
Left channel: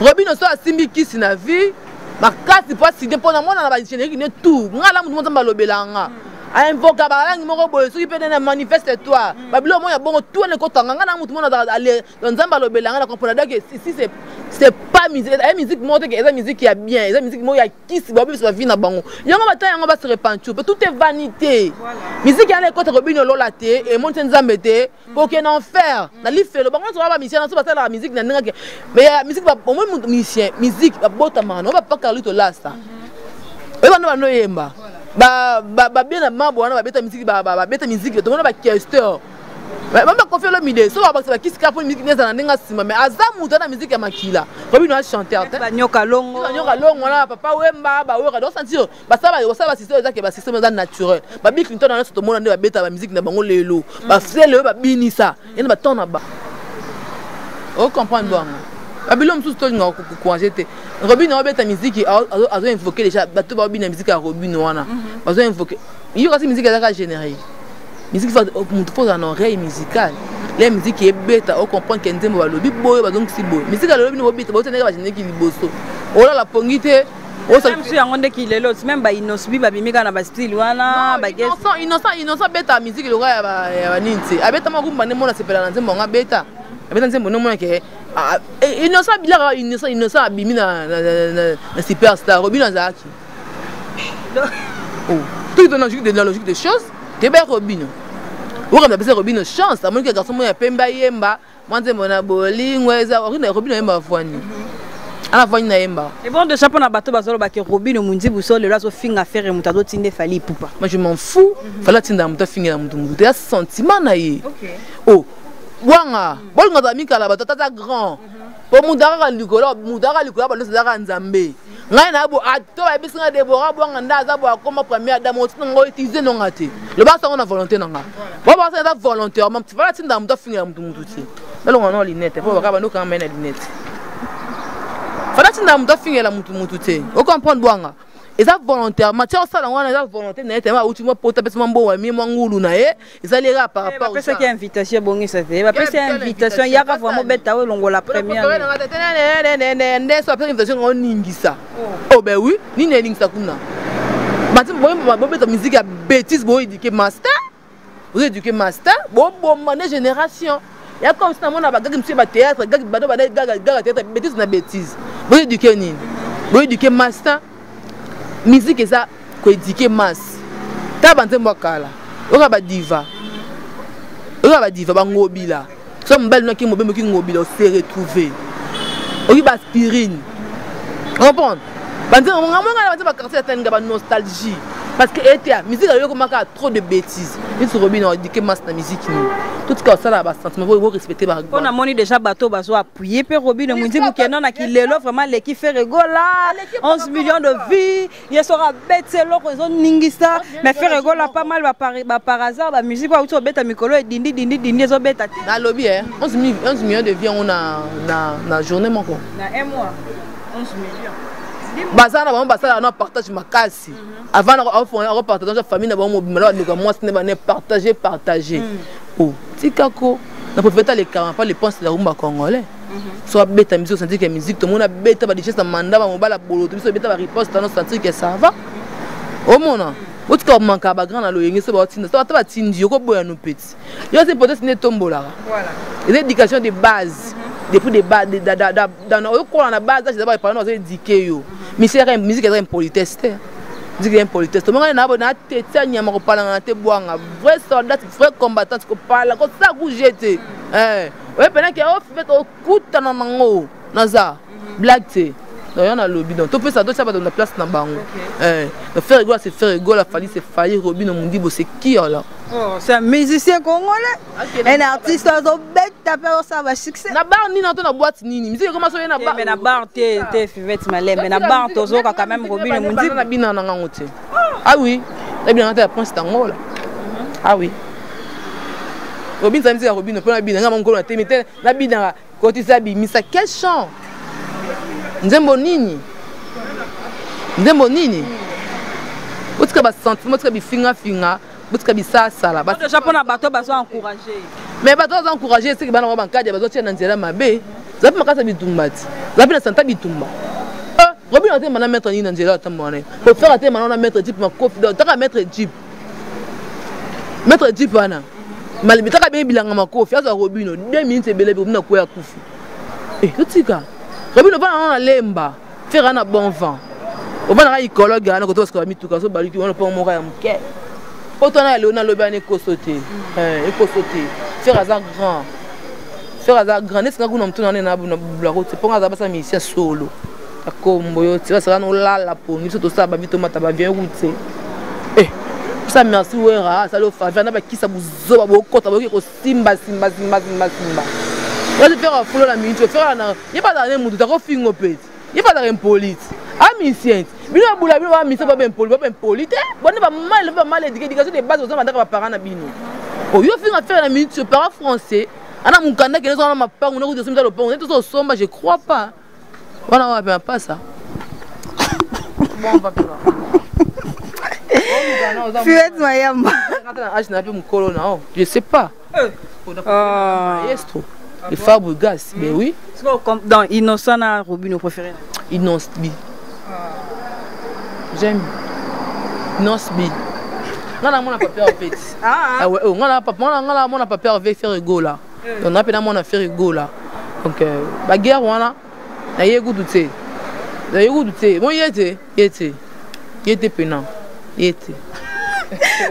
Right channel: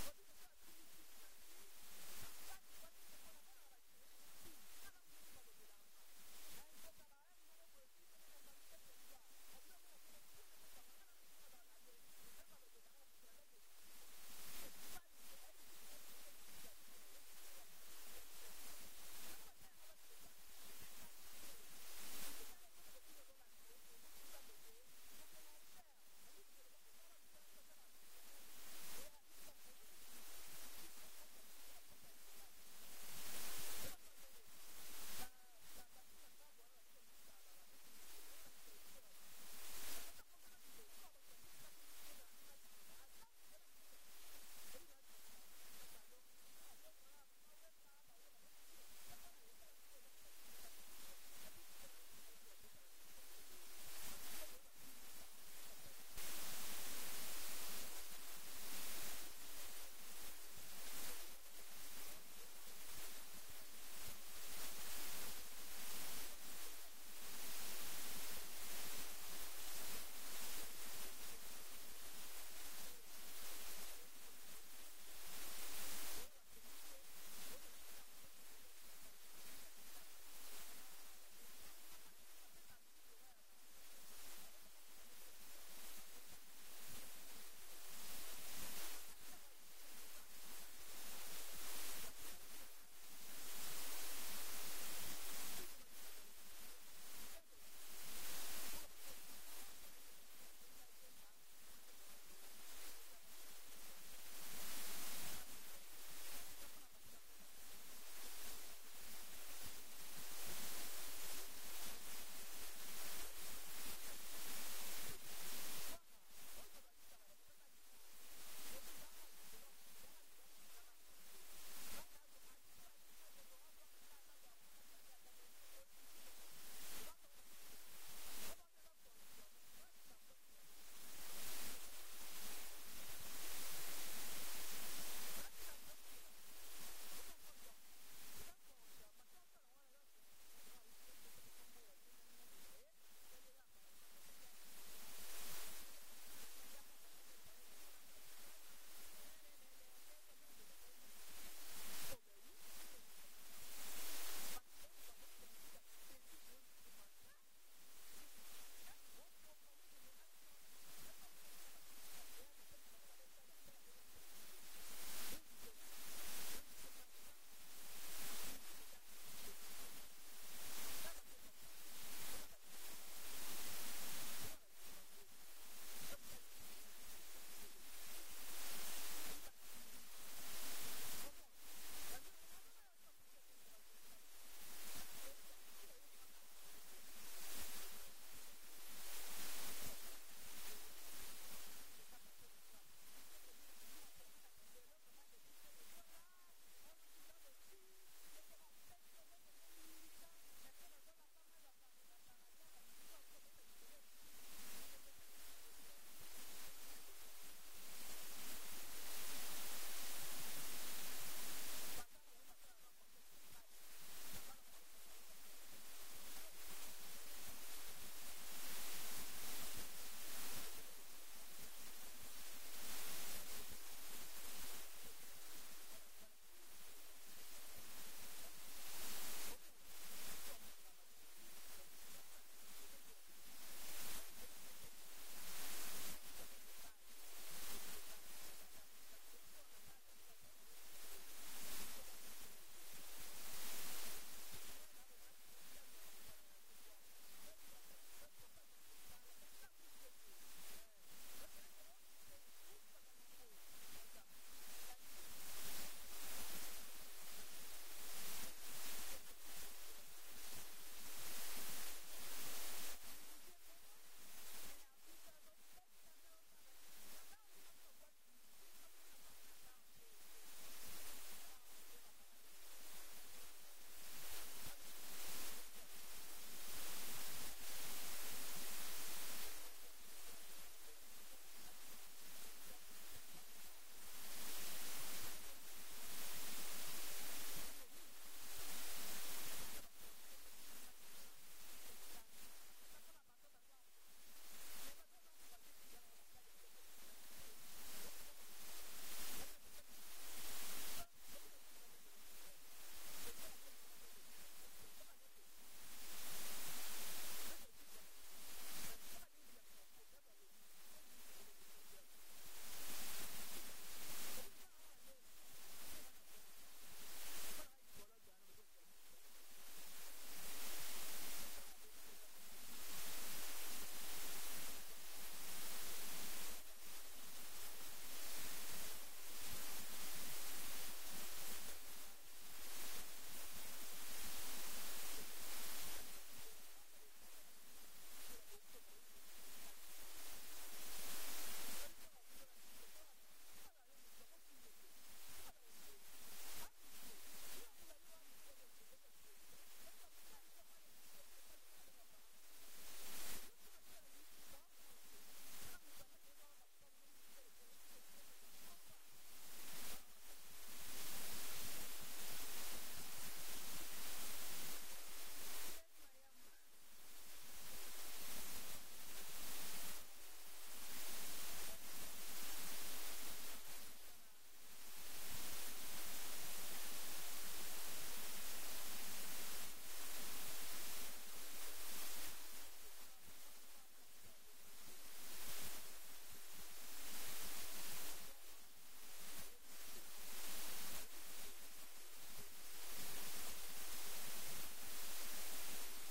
Robino so asimbi kisi na vie makasi po aside pona mona na ba générique ne tout ngala mutu mozamba lobelanga a invoca ba langi moko boye soki pe na manifeste toi ba bilo mo ya bongo tout ne kotanga ngana mutu mona aller nzamba lobelanga na comprendre que si c'est pas musique musique montre que eza musique ya bien eza musique mo ya kisi ba biso ba vie na bango yango bata yango ba se repentir tout est vanité musique ya na côté Robino lola te et monte nzambe te pour que en faire na lifelo bango so ba musicien na so ba la musique na ndenge mais musique ba au moins musicien musique ba botama no ba pas Carlito Lasta et ba no yemba ba bien na mambo wana ba beta musique ba beta musique to mona ba questeur Même confier le midi, soit parce que qui se capte musique n'est pas sima, mais Azam dans la musique à Makila. Robino a chanté. Banyoka longo. Banyoka longo là, papa Wemba, ba Wera, donc sentir. Bah ça va système ça que bah système naturel. Bah Bill Clinton dans ce monde va bêta la musique na bango lelo. Bah c'est le bah bini ça. Il va ton là-bas. On comprend bien. Abilom tout ce ngo ko jeter. Robino a bêta musique a invoqué déjà bah tout ba bini musique à Robino wana. Ba invoqué. Il y aura cette musique à générer. Musique faut une oreille musicale. La musique est bête, on comprend qu'elle est lobby boy, donc si boy. Musique à lobby no bête, on ne va pas qui liboso. On a la pongité. Même si on est qui l'autre, même ba inosbi ba bimika na ba style wana ba guess. Innocent bête à musique le gars ya ninti. Abeta magumba ne mona sepela na nzembo nga beta. Abeta nzembo ne mona ke innocent bila innocent abimi na superstar Robin Zaki. Oh, tout dans la logique des choses. Tu es Robino. Ou comme tu as Robino chance, à moins que garçon moi pemba yemba, moi c'est mon aboli, moi ça Robino yemba fwani. Ala fwani na yemba. Et bon de chapeau na bateau bazolo ba ke Robino mundi buso le lazo finga faire mutado tinde fali pupa. Moi je m'en fous, fala tinda muta finga na mutu mutu. Ya sentiment na ye. Oh, wanga, bol ngata mikala bato tata grand. Po mudara likolo ba no zaka nzambe. Ngai na bo ato ba bisinga Deborah bwanga ndaza bo akoma première dame otino ngo utiliser no ngati le ba sa ngona volonté nanga bo ba sa volontairement tu vas tinda muto finga mutu ti belo ngona linette po ba no quand même na linette fala tinda muto finga la mutu ti o comprendre bwanga eza volontairement tu ça la ngona eza volonté na ete ba ultimo pota pesa mambo wa mi mangulu na ye eza lera par rapport à ça qui invitation bongi ça fait ba pesa invitation ya ka vraiment beta we longo la première ne so après invitation on ningisa oh ben oui ni ne ningisa kuna matin bo beta musique à bêtise bo éduquer master vous éduquer master bon mané génération ya comme ça mon ba gagi monsieur ba théâtre gagi ba gaga théâtre bêtise na bêtise bo éduquer ni bo éduquer master musique est ça ko éduquer masse ta banze mbakala oka ba diva ba ngobila so mbali noki mobembo ki ngobila se retrouver oki ba aspirine comprendre banze ngamanga ba quartier atanga ba nostalgie parce que était musique yo komaka trop de bêtises il se Robino éduquer masse na musique ni tout ça ça là ba sentiment faut respecter ba on a moni déjà bateau bazo appuyer pe Robino mundi bukena na kilelo vraiment l'équipe fait rigola 11 millions de vies il sera bête c'est l'autre ils ont ningisa mais fait rigola pas mal ba par hasard la musique ba uto bête mikolo dindi zo bête na lobby 11 millions de vies on a na journée moko na un mois 11 millions bazana ba basala na partage makasi avant on partage la famille na ba mo bimala ndika moi ce n'est pas partager oh tikako na profeta les 40 pas les penses la rumba congolais soit bêta musique sentir que musique tout le monde a bêta ba déjà ça manda ba mobala bolo tout ça bêta ba riposte dans sentir que ça va au mona au tika manka ba grand na loyenge so ba tinda so ba tindi ko boya no petit yo c'est peut-être ne tombola voilà l'éducation de base depuis des bas dans la base je d'abord parler nous éduquer yo mais musique est impolitesse musique est impolitesse tout le monde na tete nyama ko parler na te boanga vrai soldat vrai combattant ko parler ko ça ku jeter ouais pendant que on fait au kuta na nango naza blague te non on a lobby donc tout fait ça d'autres ça va dans la place na bango faire rigolo c'est faire rigolo la famille c'est faillir Robino mundi bo c'est qui là. Oh, c'est un musicien congolais. Un artiste au bête taper ça va succès. Na bar ni na to na boîte nini. Musique comment ça na bar. Mais na bar te fivette malem, mais na bar tozo quand même Robino mundi na bina na ngote. Ah oui. Na bina na point c'est Angola. Ah oui. Robino ça me dit Robino pour na bina ngam ngolo na te mais na bina côté ça bi misa quel chant. Nzembo nini. Utka ba sentiment utka bi finga utka bi sala ba de Japon na bateau bazo encourager mais bateau bazo encourager c'est que bana ba bankadi bazo tia na nzela mabe zapi makasa bitumbati zapi na santa bitumba Robino te mana mettre ni na nzela tamone pour faire te mana na mettre jeep ma kofi do taka mettre jeep wana malibi taka be bilanga makofi aza Robino 2 minutes ebele be na ko ya kufi utika Robino va na lemba faire na bon vent on va na écologue na ko to ska mituka so baliki on pas moka ya mke autant na le na lobane ko sauter faire azar grand n'est-ce que nous tourner na la route c'est pour azar ça mission solo akombo yo tira ça no la pour nous tout ça ba vite mata ba bien route Ça merci wera ça le fa na ba kisa buzoba bokota bokiko simba. Moi je faire follow la minute faire na il pas dans mutu ta ko fingo peti. Il pas dans impolite. Amisien. Bino bula bino ba misa ba impolite. Bonne ba mal éducation de base aux enfants ba parents na bino. Oh yo finga faire la minute parents français. Ana mukanda que les gens ma pas on a de simba le pont. Tout ça somba je crois pas. Voilà on pas ça. Bon on va faire. Je sais pas. Le Fabregas, mais oui. Dans Innocent, Robin préféré. Innocent. J'aime. Innocent. On a pas peur avec. Ah ouais, on a pas peur avec faire ego là. On a pas mon affaire ego là. Donc bagarre on a. Na yego douter. Na yego douter. Bon y était pénant.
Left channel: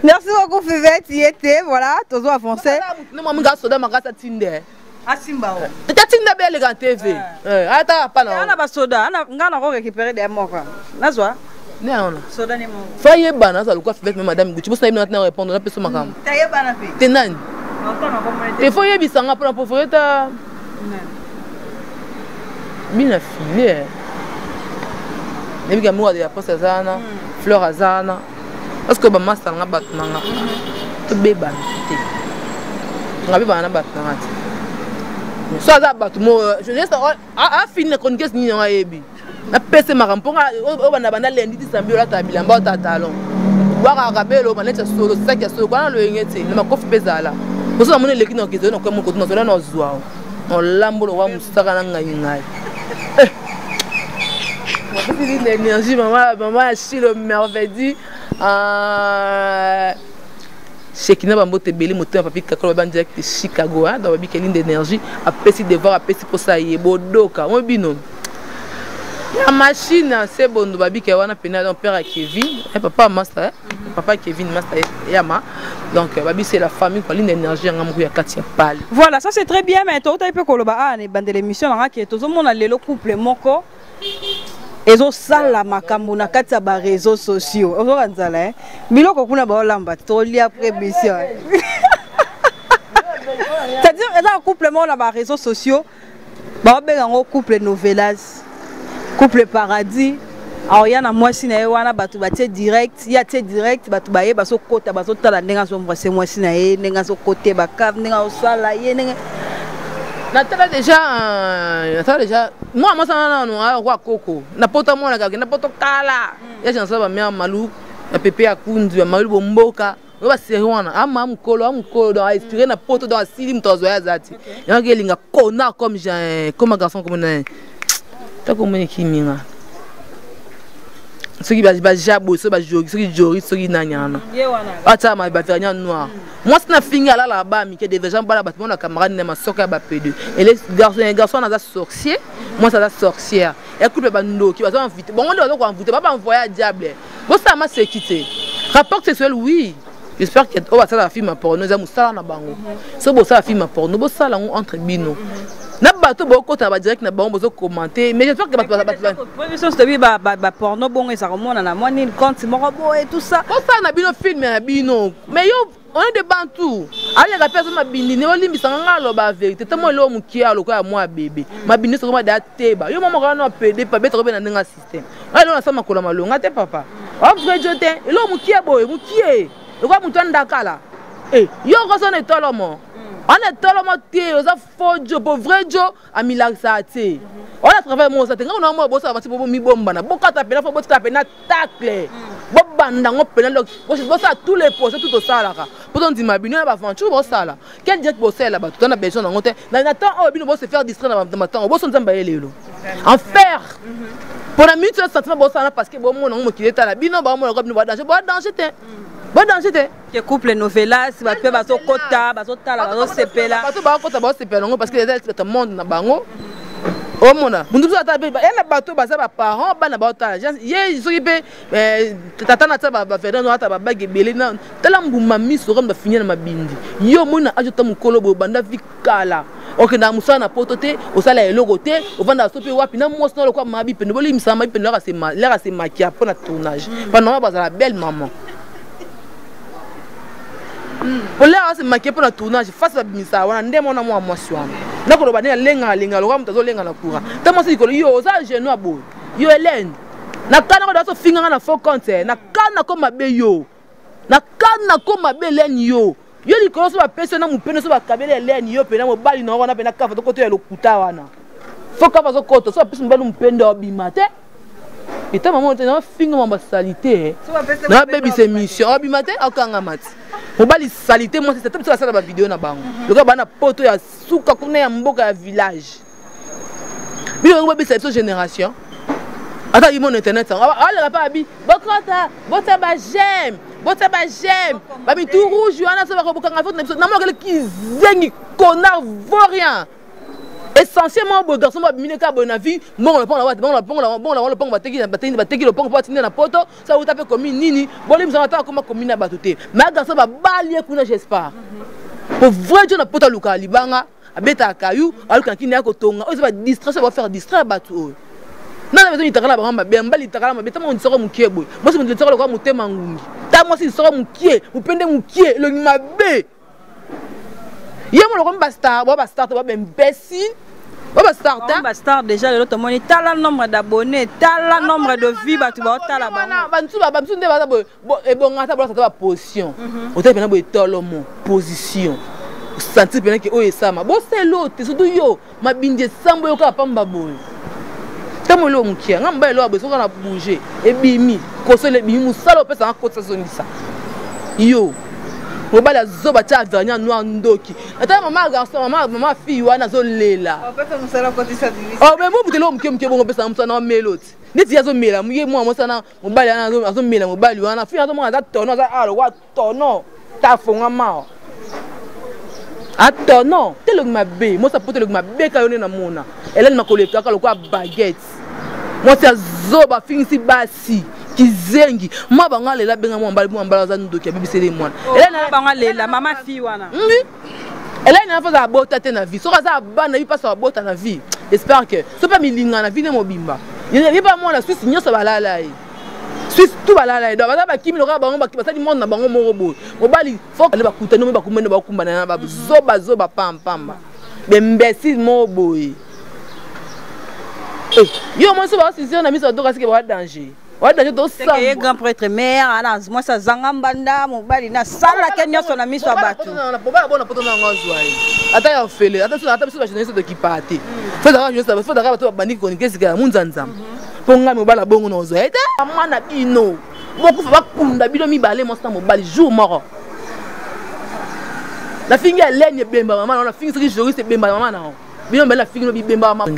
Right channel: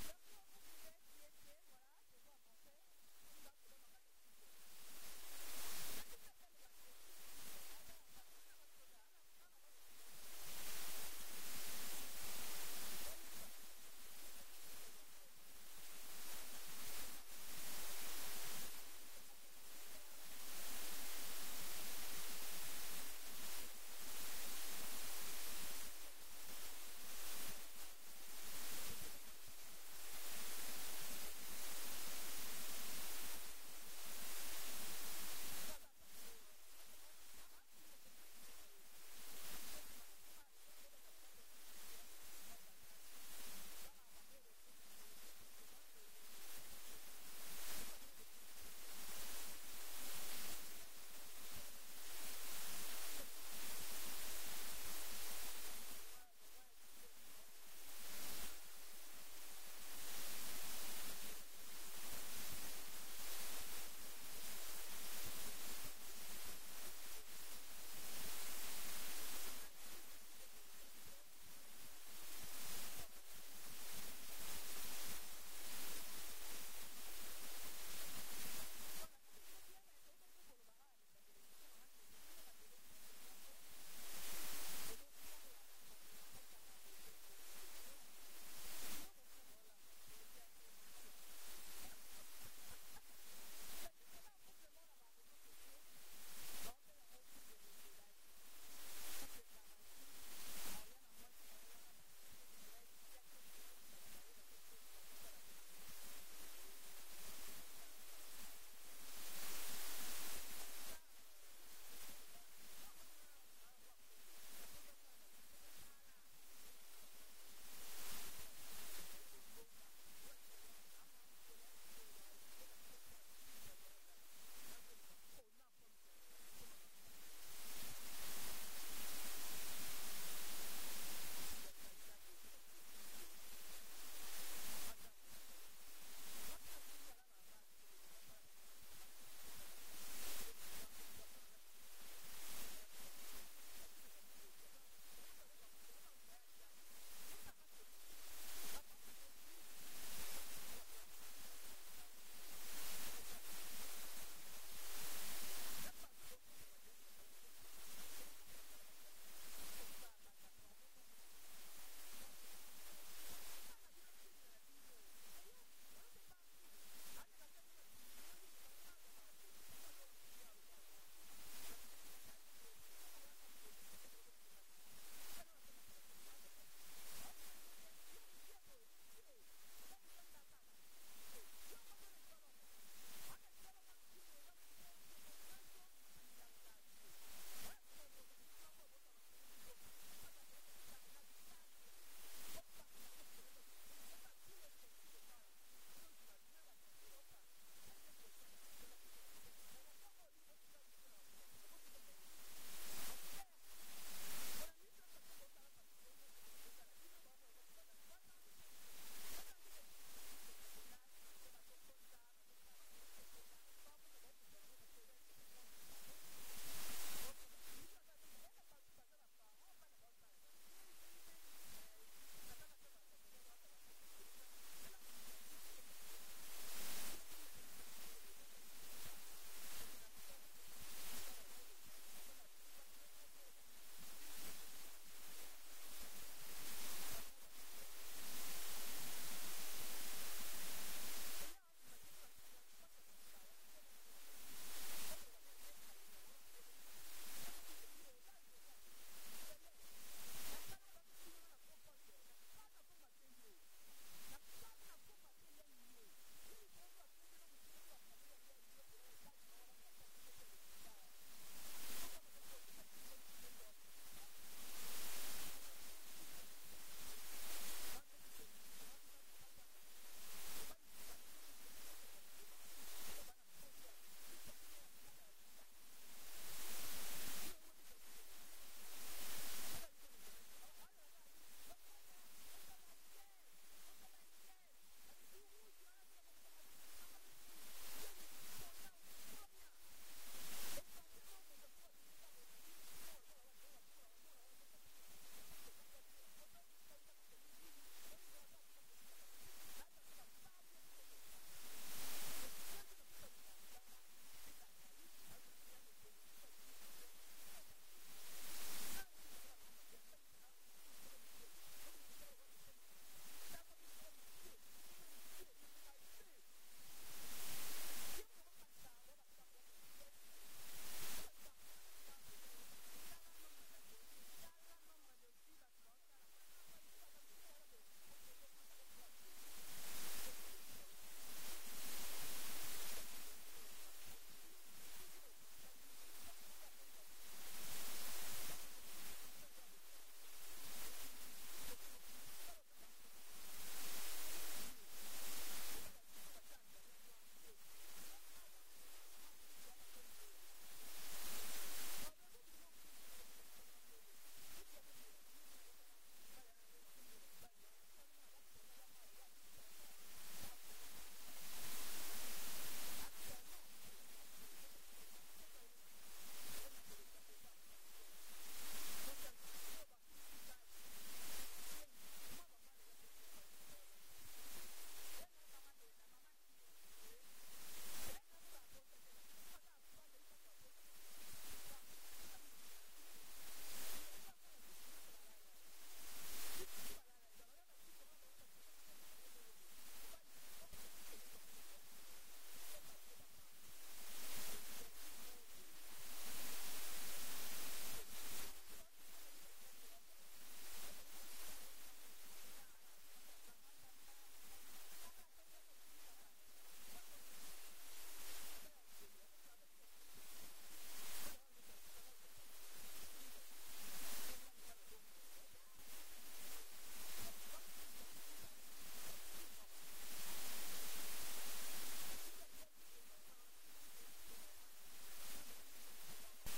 Merci beaucoup Fivette, y était voilà, toujours avancé. Non moi m'ga soda magasa tinde. Asimba. Ta tinde belle ga TV. Ata pa na. Ana ba soda, ana ngana ko récupérer des mots. Nazwa. Non. Soda ni mo. Faye bana ça le quoi Fivette madame Gucci. Vous savez maintenant répondre na personne makam. Taye bana pe. Tenani. Te foye bisanga pour préférer ta. Mina filé. Nebiga moi de la poste zana. Fleur azana parce que ba master nga batnanga to beba te nga beba na batnanga te so za batu mo je laisse a fini kon kes ni nga yebi na pese makamponga o bana bana lendi ti sambi ola tabila mba ta talon waka kabelo bana tsa solo saki solo kana lo yengete na makofi bezala boso na mone leki na kizo na kwa mo kotu na sola na zwa no lambo wa musaka na ngai l'énergie, maman a chi le merveille. Chekina Bambo Tebeli, moteur papi Kakolo Ban direct de Chicago, dans la ligne d'énergie, a pessi de voir, a pessi pour ça, y est bodoka, mon binom. La machine, c'est bon, nous babi qui a un pénal, père à Kevin, papa master, papa Kevin master Yama. Donc babi c'est la famille pour ligne d'énergie, en amouille à Katia Pal. Voilà, ça c'est très bien, mais toi tu peux coloba, ah, les bandes de l'émission, qui est tout le monde a le couple moko. Et zo sala makambo na kati ya ba réseaux sociaux. Ozo kanzala biloko kuna ba olamba toli après mission. C'est-à-dire un couple mo na ba réseaux sociaux. Ba benga ngo couple novelas. Couple paradis. Alors yana mwasi na ye wana batu batie direct, ya tie direct batu baye baso kota baso tala ndenga so mwasi mwasi na ye ndenga so kote ba kave ndenga osala ye ndenga Natala déjà moi ça non roi coco na poto mona ka na poto kala ya chansa ba mia malu na pepe ya kundu ya malu bomboka ba seriwana ama mukolo do inspiré na poto dans asili mtozo ya zati ya ngelinga kona comme un garçon comme na ta comme kiminga ceux qui ba jabo ceux qui jori ceux qui nanyana ata ma ba faire noir moi c'est na finga là là-bas mi que des gens ba la battement na camarade na masoka ba P2 et les garçons na sorcier moi ça la sorcière et couple ba ndo qui va inviter bon on doit inviter pas envoyer à diable bon ça m'a sécurité rapport sexuel oui j'espère que on va ça la film porno za musala na bango so bo ça la film porno bo ça la entre bino na bato boko ta ba direct na bango bozo commenter mais j'espère que ba porno bon et ça remonte na moi ni compte moko bo et tout ça bo ça na bino film na bino mais yo on est de bantu allez la personne mabindi ne olimbisa ngalo ba vérité tamo lo mukia lo kwa moi bébé mabindi so ma da teba yo mama kana pd pa beto na ndenga système allez on sama kola malonga te papa o vrai jote lo mukia boy mukie lo kwa mutu ndakala yo ko so ne tolomo on est tellement tié aux affojo pour vrai jo amilaxate on a travaillé mon ça on a moi bossa va pour mi bomba na bokata pena faut bossa pena tacle bobanda ngo pena lo bossa tous les postes tout ça là pour on dit ma bino na ba venture bossa là quel direct bossa là ba tout on a besoin ngo te na temps on bino bossa faire distraire na temps bossa nzamba yelelo en faire pour la minute sentiment bossa parce que bon mon ngo ki eta la bino ba mo ko bino ba danger te bon danger te que couple novelas ba pe ba so kota ba so tala ba so sepela ba to ba kota ba sepela ngo parce que les tout monde na bango o mona mundu so ata be ela bato ba sa ba parents ba na ba tala ye so yipe tata na tsa ba fera no ata ba bagi bele na tala mbuma miso comme ba finir na mabindi yo mona ajota mukolo bo banda vikala ok na musana poto te o sala eloko te o vanda sope wapi na mwasi na lokwa mabi pe no boli misama pe no la se maquiller pour na tournage pendant ba la belle maman Pour là c'est marqué pour le tournage face à bimisa wana ndemo na moi mwasi wana. Ndako loba ne lenga loka mutazo lenga na kura. Tamo si ko yo za genou abo. Yo Hélène. Na kana ko da so finga na faux compte na kana ko mabe yo. Na kana ko mabe Hélène yo. Yo li ko so ba pese na mupene so ba kabele Hélène yo pe na mo bali na wana pe na kafa to koto ya lokuta wana. Faut ka bazo koto so ba pese mbalo mpende obimate. Et ta maman était dans finga ma salité. Na baby c'est mission obimate akanga mati. Mo bali salité moi c'est toute la salle ba vidéo na bango. Le gars bana poto ya suka kuna ya mboka ya village. Bino ngo baby c'est génération. Attends, il mon internet ça. Ah là pas abi. Bokota, bota ba j'aime. Bota ba j'aime. Babi tout rouge, Johanna ça va ko bokanga faute na mo ki zengi connard vaurien. Essentiellement bon garçon ba mine ka bon avis, bon le pont la le pont ba teki le pont pour tenir na poto, ça vous taper comme nini. Bon les attend comme commune na batoté. Mais garçon ba balier kuna j'espère. Pour vrai Dieu na poto luka libanga, abeta kayu, aluka kini ko tonga. On va distraire, ça va faire distraire bateau. Non, mais il t'a la bamba, bien bali t'a la bamba, mais on sera mon kié boy. Moi, c'est mon dieu, le quoi mon thème en ta moi, c'est sera mon kié, mon pende mon kié, le mabé. Y'a mon le bastard, on va starter, on va imbécile. On va starter. On va starter déjà le l'autre monnaie, t'as le nombre d'abonnés, t'as le nombre de vues, bah tu vas t'as la bamba. Bantu, bantu, ne va pas bon, et bon, on va ta position. On t'a bien beau mon position. Sentir bien que oh et ça, ma bon c'est l'autre, surtout yo, ma bindé sambo yo ka pamba boy. Tamo lo mukia ngamba lo abeso kana bouger e bimi kosole bimi musala opesa nkotsa zonisa yo ngobala zoba cha vanya no ndoki ata mama garçon mama fille wana zo lela opesa musala kotisa bimi oh mais mo butelo mukia bongo pesa musana wa meloti neti yazo mela muye mo musana mobali ana azo mela mobali wana fille azo mo za tono za alo wa tono ta fonga mao attends non telo mabe moi ça pote le mabe ka yone na mona Hélène makoleka ka lokwa baguette moi c'est zoba finisi basi kizengi moi banga lela benga mo mbala za ndoki ya BBC les moine Hélène banga lela mama fille wana Hélène na faza bota te na vie so kaza bana yi passe bota na vie j'espère que so pas milinga na vie ne mobimba il pas moi la Suisse nyoso balala yi Suisse tout balala do ba kimi loka bango ba basali monde na bango moko boy mobali faut que ba kutana ba kumene ba kumbana na ba zoba pamba bembesi mo boy yo moi so ba si na miso do kasi ke ba danger do ça que grand prêtre mère ana moi ça zanga mbanda mobali na sala kenyo so na miso abatu na bona poto na ngozwa ata ya fele ata so ba jeunesse de kipate faut da jeunesse faut da ba to bandi ko ngesi ka munzanzam ponga mobala bongo no zo eta amana bino bokufa bakunda bino mibale mo sa mobali jour moko la fingi ya lenye bemba mama na fingi siki juriste bemba mama na bino mbela fingi no bemba mama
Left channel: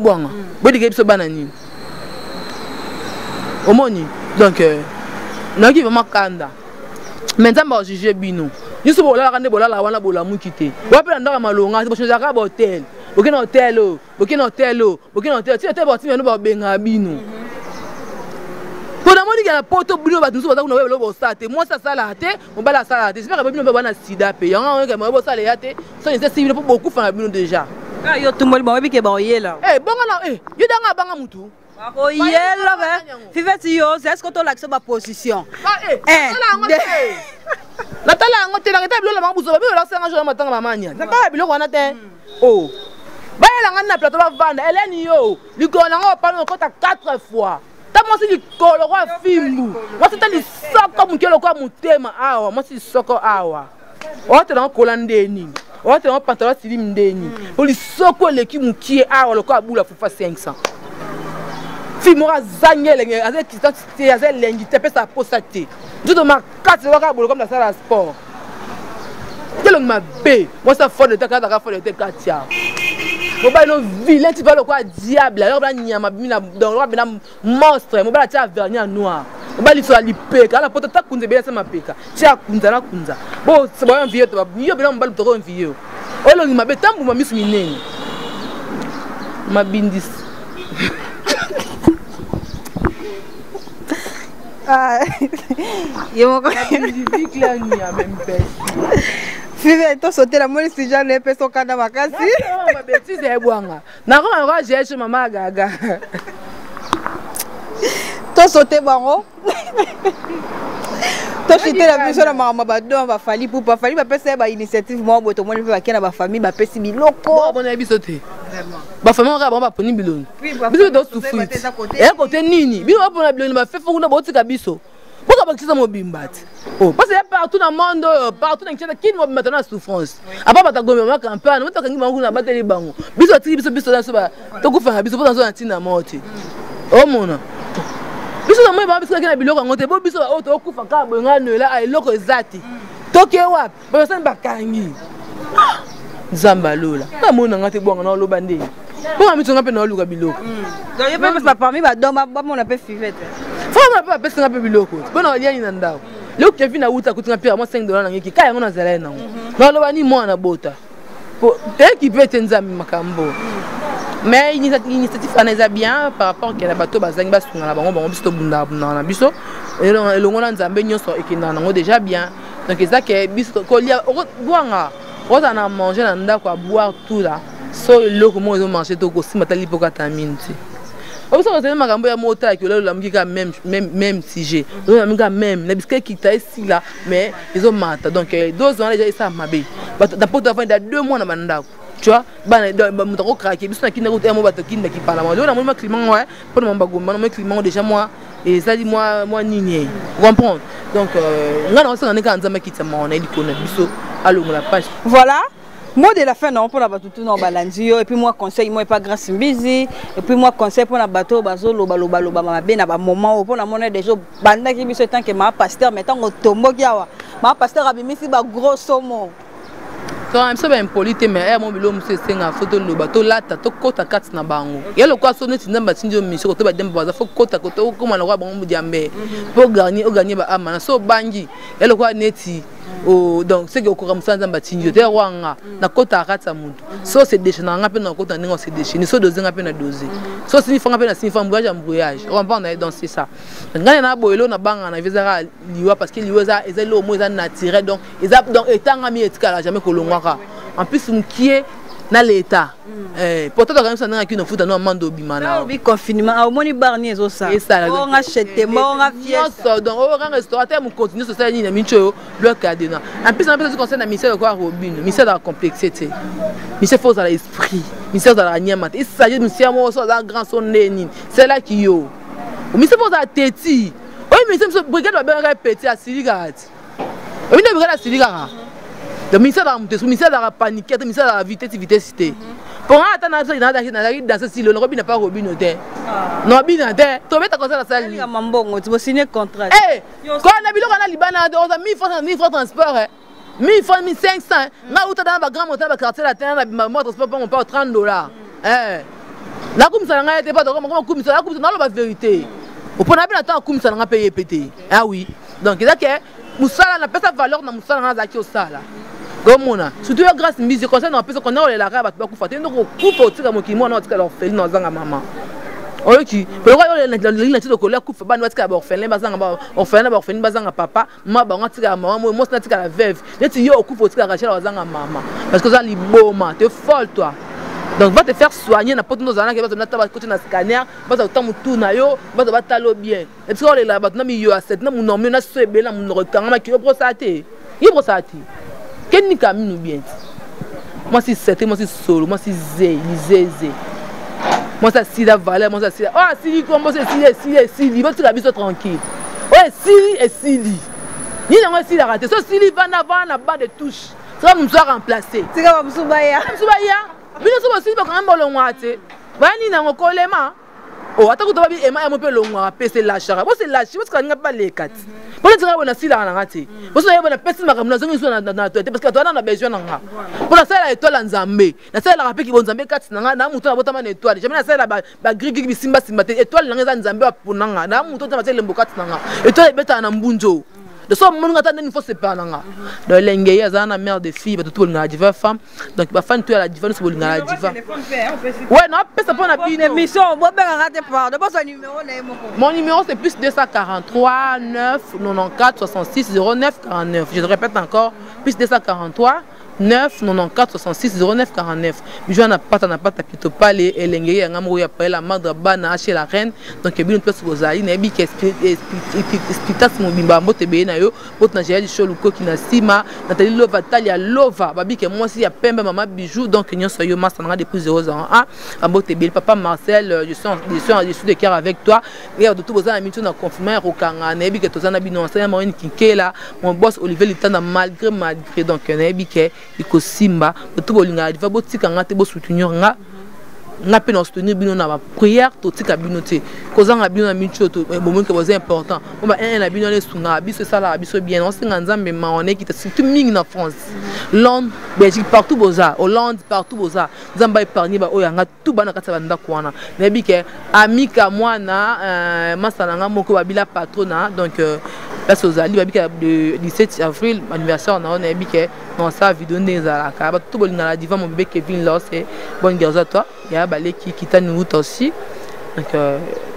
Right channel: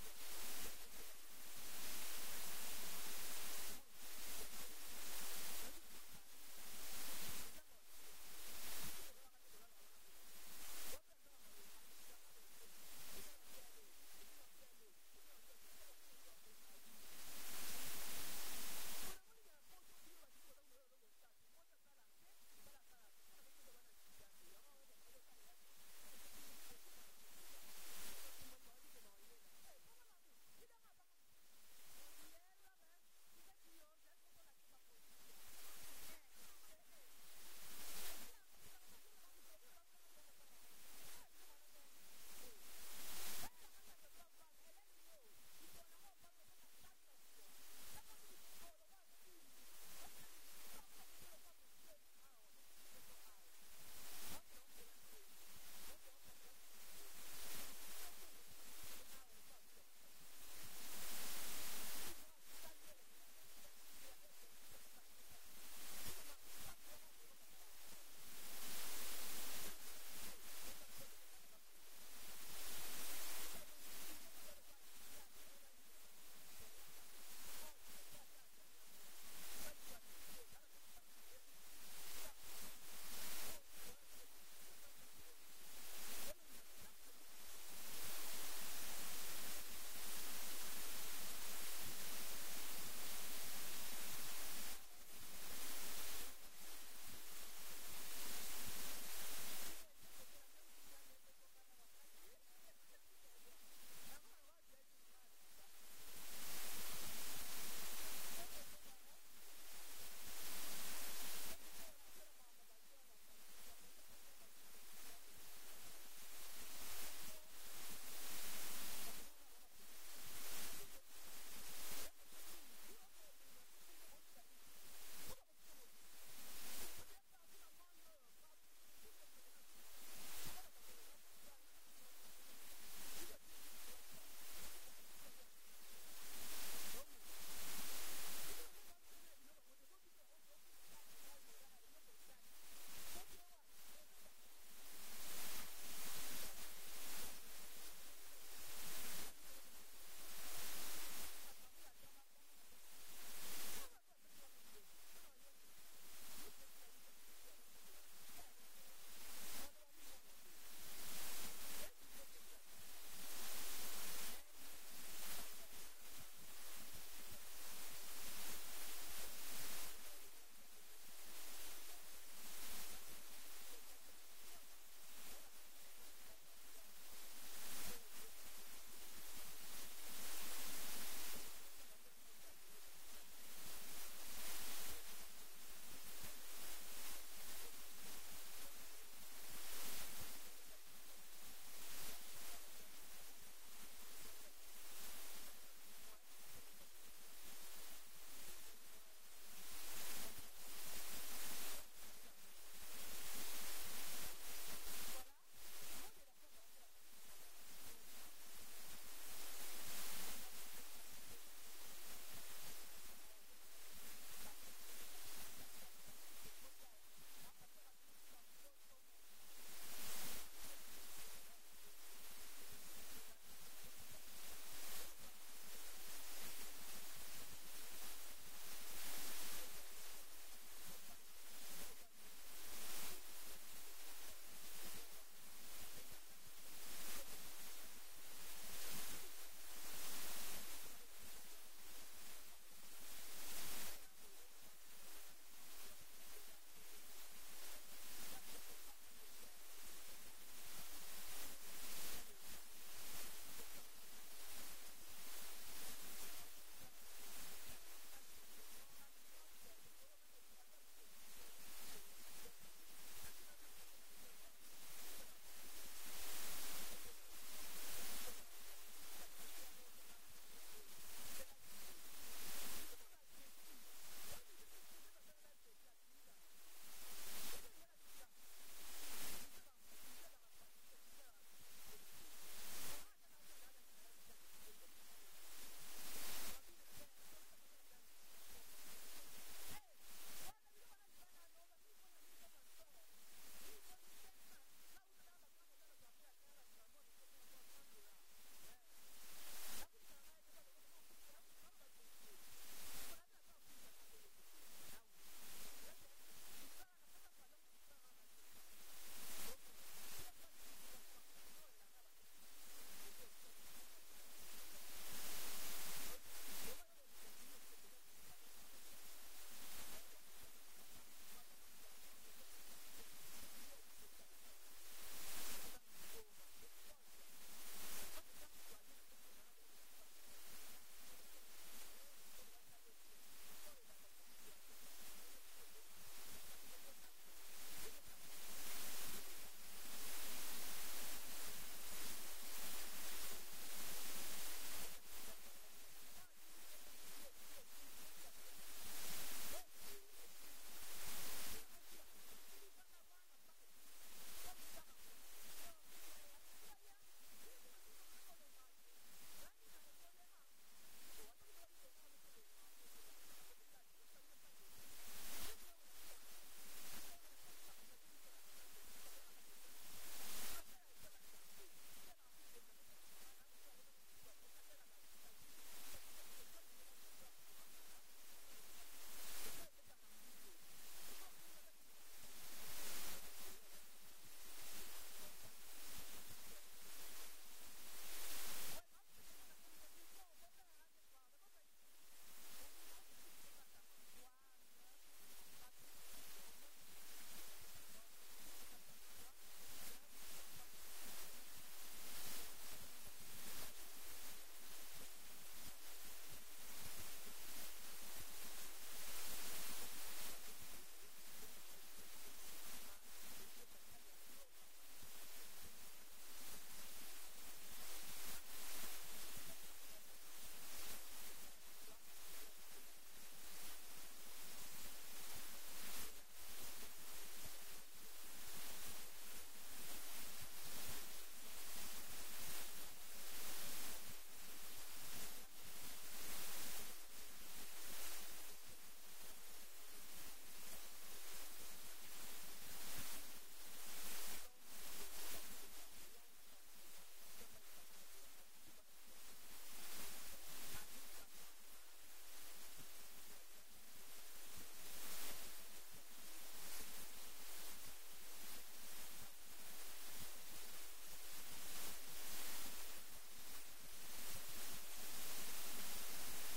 bwanga bodi ke biso bana nini omoni donc na ki vraiment kanda maintenant ba juger bino niso bola kande bola la wana bola mukite wapela ndaka malonga bo changer ka hotel bokina hotel ti ete ba ti no ba benga bino pona moni ke na poto bino ba nso ba kuna welo bo start moi ça sala te on ba la sala te j'espère que bino ba na sida pe yanga ke mo bo sala ya te so ni se civil pour beaucoup fa bino déjà ka yo tumboli ba bi ke ba oyela bonga na yo danga banga mutu oh yellow fifeti yo est-ce que tu as accès à position la tala ngote la table la mabuzo ba la senga jo matanga mamanya na ka biloko wana te oh ba la ngana plateau ba vanda Hélène yo likona ngo pa no kota 4 fois ta mo si likolo kwa fimbu mo si tali soko mukelo kwa mutema awa mo si soko awa ote na kola ndeni ote na pantalon slim ndeni oli soko leki mukie awa lo kwa bula fufa 500 Fimora zangele avec qui t'es à l'engi t'es pas sa posate tout de ma 4 waka bolo comme la salle à sport quel ma b moi ça fort de ta carte fort de ta katia mo ba no vilain tu vas le quoi diable alors ba nyama bina dans le bina monstre mo ba tia vernis noir mo ba li so ali peka la poto ta kunze bien ça ma peka tia kunza na kunza bo c'est bon vieux to yo bina mo ba le to vieux o lo ma be tambu ma misu minene ma bindis Yo Five to sauter la moni si jamais peso kana makasi. Ma bêtise est boanga. Na ko ma j'ai chez maman gaga. To sauter bango. To cité la biso na mama badon ba fali pour pas fali ba pesa ba initiative mo boto mo pe ba kena ba famille ba pesi biloko bon na biso te ba famille on ba poni biloni biso do souffrir et côté nini biso ba pona biloni ba fait fo na botika biso pourquoi ba kisa mo bimbati oh parce que partout dans le monde partout dans Kinshasa qui nous maintenant souffrance après ba ta gombe ma campagne mo ta kangi bangu na bateli bango biso tiki biso dans so ba to ku fanga biso pour dans so antina moti oh mona biso na moi ba biso kana biloko ngote bo biso ba oto okufa ka bonga noela ay loko ezati toke wapi ba sen bakangi nzamba lola na mona ngate bonga na loba ndenge bonga mitonga pe na luka biloko donc ye pe parmi ba doma ba mona pe fivete faut na pe pesa na pe biloko bona liani na ndao leo Kevin na uta kutinga pia mo $5 na ngiki kaya ngona zala na na loba ni mwana bota po qui peut nzambi makambo. Mais l'initiative est bien par rapport à la bateau bazang bas sur la bango biso bunda na biso et le ngona nzambe nyonso ekina nango déjà bien. Donc ça que biso kolia boanga on a mangé na ndako boire tout là. So le comment ils ont mangé to ko simatali pokata minti. Au ça c'est makambo ya mota que là la mukika même sujet. Donc la mukika même les biscuits qui ta ici là mais ils ont mata. Donc 2 ans déjà ça mabé. D'après avant il y a 2 mois na bandako. Tu vois mutako craquer biso na kinda ko mo bato kinda ki parlement là moi climat ouais pour mon bagomba moi climat déjà moi et ça dit moi nini comprendre donc ngana ça na kanza ki tsama on a dit qu'on a biso allo la page voilà. Mot de la fin non pour la bateau tout non balandio et puis moi conseil moi pas grâce busy et puis moi conseil pour la bateau bazo loba mabe na ba moment pour la monnaie des jours banda ki biso tant que ma pasteur mettant au tombo kiawa ma pasteur abimisi ba grosso mot. Quand même ça va impolite mais mon bilo monsieur senga photo le bateau là ta to kota kat na bango ya le kwa sonne tinamba tinjo mission to ba demba za fo kota koto ko mana kwa bango mudiambe pour gagner ba amana so bangi ya le kwa neti oh donc c'est que ko kamsanza mbatinjo te wanga na kota katsa muntu so c'est déchaîner ngape na kota ningo c'est déchaîner so dozer ngape na dozer so sinifa ngape na sinifa mbouage on va on dans c'est ça ngana na boyelo na banga na vezara liwa parce que liwa za ezali au moins naturel donc ezap donc etanga mi etikala jamais kolongwa en plus mkie na l'état pourtant quand même ça n'a qu'une foot dans mando bimana bi confinement au moni barnier zo ça on a acheté on a fiesta donc au grand restaurateur mon continue so ça ni na mincho bloc adena en plus on peut se concerne na ministère de quoi robin ministère de la complexité ministère force à l'esprit ministère de la nyama il s'agit de ministère mo so dans grand son neni c'est là qui yo au ministère force à teti oui mais c'est brigade va bien répéter à Siligati oui ne brigade à Siligara. Le ministère de la panique, le ministère de la vitesse. Pour attendre dans ce style, le Robin n'a pas Robin au terre. Non, Robin n'a terre. Tu mets ta conseil à la salle. Tu vas signer contrat. Eh, quand on a vu le Liban, on a 1000 francs transport. 1000 francs, 1500. Là où tu as dans la grande montagne, quartier latin, moi transport pour mon père $30. Eh, la coupe ça n'a pas de comme ça, la coupe ça n'a pas de vérité. Au point d'avoir attendre comme ça n'a pas payé pété. Ah oui. Donc, c'est que Moussala n'a pas sa valeur dans Moussala n'a pas ça là. Gomona surtout grâce musique conseil na pesa kona olela ka bato bakufa te ndoko kufa otika mokimo na otika la orpheline na zanga mama oyoki pe ko olela tito kola kufa bana batika ba orpheline bazanga papa ma ba ngatika mama mo na tika la veuve neti yo okufa otika rachel bazanga mama parce que ça liboma te folle toi donc va te faire soigner na poto nozana ke bato na taba côté na scanner bato tamu tuna yo bato batalo bien et puis olela bato na mi yo aset na munomio na sebela munokanga ki yo prostate quel n'est pas bien? Moi c'est 7, moi c'est solo, moi c'est zé. Moi c'est la valeur, moi c'est ah si comment c'est si va tu la vie tranquille. Ouais si Sili. Ni non si la raté. So Sili va na bas de touche. Ça va nous remplacer. C'est comme Msubaya. Bino so Sili va quand même bolongwa te. Ba ni na ngokolema. Oh ata kutoba bi ema ya mope longwa pese la chara. Bo c'est la chi, parce que pas les 4. Pour dire que si la ngati parce que yebona pesi makamna zongi so na tote parce que toi na besoin nga pour la sala étoile nzambe na sala rapé ki bonzambe kati na nga na muto na botama na étoile jamais na sala ba grigi bisimba te étoile nga nzambe apuna nga na muto na sala mbokati na nga étoile beta na mbunjo de so mon ngata ndeni faut séparer nga de lengeye azana mère de fille tout le ngala diva femme donc ba fan tu la diva so ngala diva ouais non pesa pour na bine émission bo be ngate par de son numéro na moko mon numéro c'est plus 243 9 94 66 09 49 je te répète encore plus 243 9 94 66 09 49. Bijou na pata pito pale elenge ya ngamro ya pale la madre bana chez la reine. Donc bino place bozali na bi explication mobimba mbote be na yo bot na jeli show luko ki na sima Nathalie Lova Talia Lova babi ke moi si ya pembe mama Bijou donc nyonso yo masa na depuis 001 mbote be papa Marcel je suis de cœur avec toi et de tout bozana mitu na confirmer okanga na bi ke tozana bino enseignant moyenne kinkela mon boss Olivier Litanda malgré donc na bi ke iko simba tout bolinga va botika ngate bo soutenir nga pe na soutenir bino na ba prière to tika bino te kozanga bino na mitu to moment que c'est important on va na bino les sunga biso sala biso bien on singa nzambe ma on est qui surtout ming na France Londres Belgique partout boza Hollande partout boza nzamba épargner ba oyanga tout bana kata banda kwana na bi ke amika mwana masala nga moko babila patrona donc parce aux alliés babi le 17 avril anniversaire na on a bi ke non ça vidéo nezala ka ba tout bolinga la diva mon bébé Kevin Loss et bonne guerre à toi ya balé qui t'a nous aussi donc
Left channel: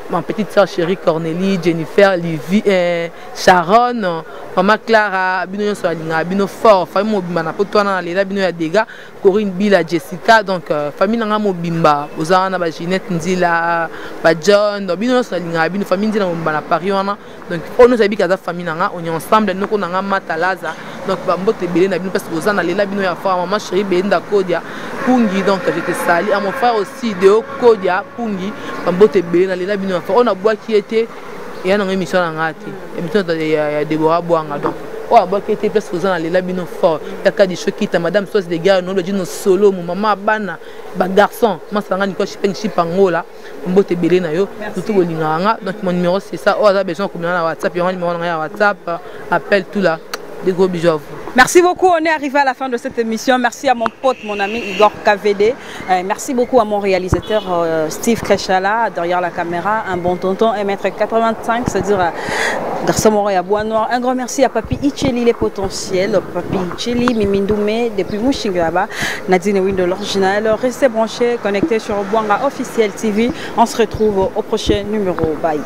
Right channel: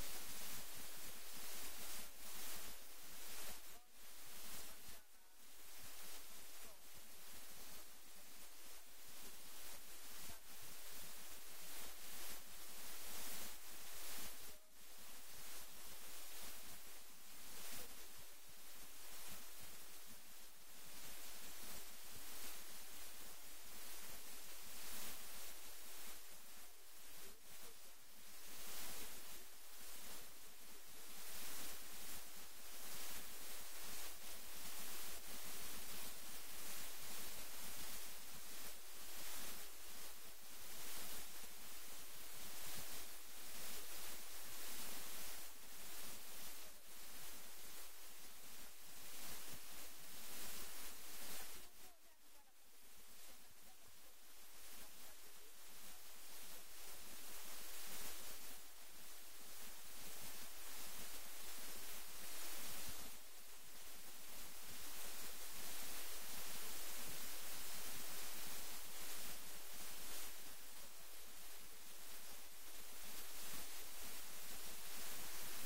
ma petite sœur chérie Cornélie Jennifer Livy Sharon maman Clara bino so alinga bino fort famille mobimba na poto na lela bino ya dega Corinne Bila Jessica donc famille nga mobimba ozana ba Ginette Nzila ba John bino so alinga bino famille nzila mobimba na Paris wana donc on nous habite kaza famille nga on est ensemble nous ko nga matalaza donc ba mbote belé na bino parce que ozana lela bino ya fort maman chérie Benda Kodia Pungi donc je te salue à mon frère aussi de Kodia Pungi ba mbote belé na lela bino on a bois qui était et on a émission en ngati émission de Deborah Boanga donc on a bois qui était place aux les labino fort il y a des choses qui ta madame soit des gars non le dit nos solo mon maman bana ba garçon moi ça ngani ko chipen chipangola mbote belé na yo tout bolinganga donc mon numéro c'est ça on a besoin comme na WhatsApp et on numéro na WhatsApp appelle tout là. Des gros bisous à vous. Merci beaucoup, on est arrivé à la fin de cette émission. Merci à mon pote, mon ami Igor KVD. Merci beaucoup à mon réalisateur Steve Krechala derrière la caméra, un bon tonton 1m85, c'est-à-dire garçon moré à Bois Noir. Un grand merci à Papi Icheli les potentiels, Papi Icheli, Mimindoumé depuis Mouchingaba, Nadine Win de l'original. Restez branchés, connectés sur Boanga Officiel TV. On se retrouve au prochain numéro. Bye.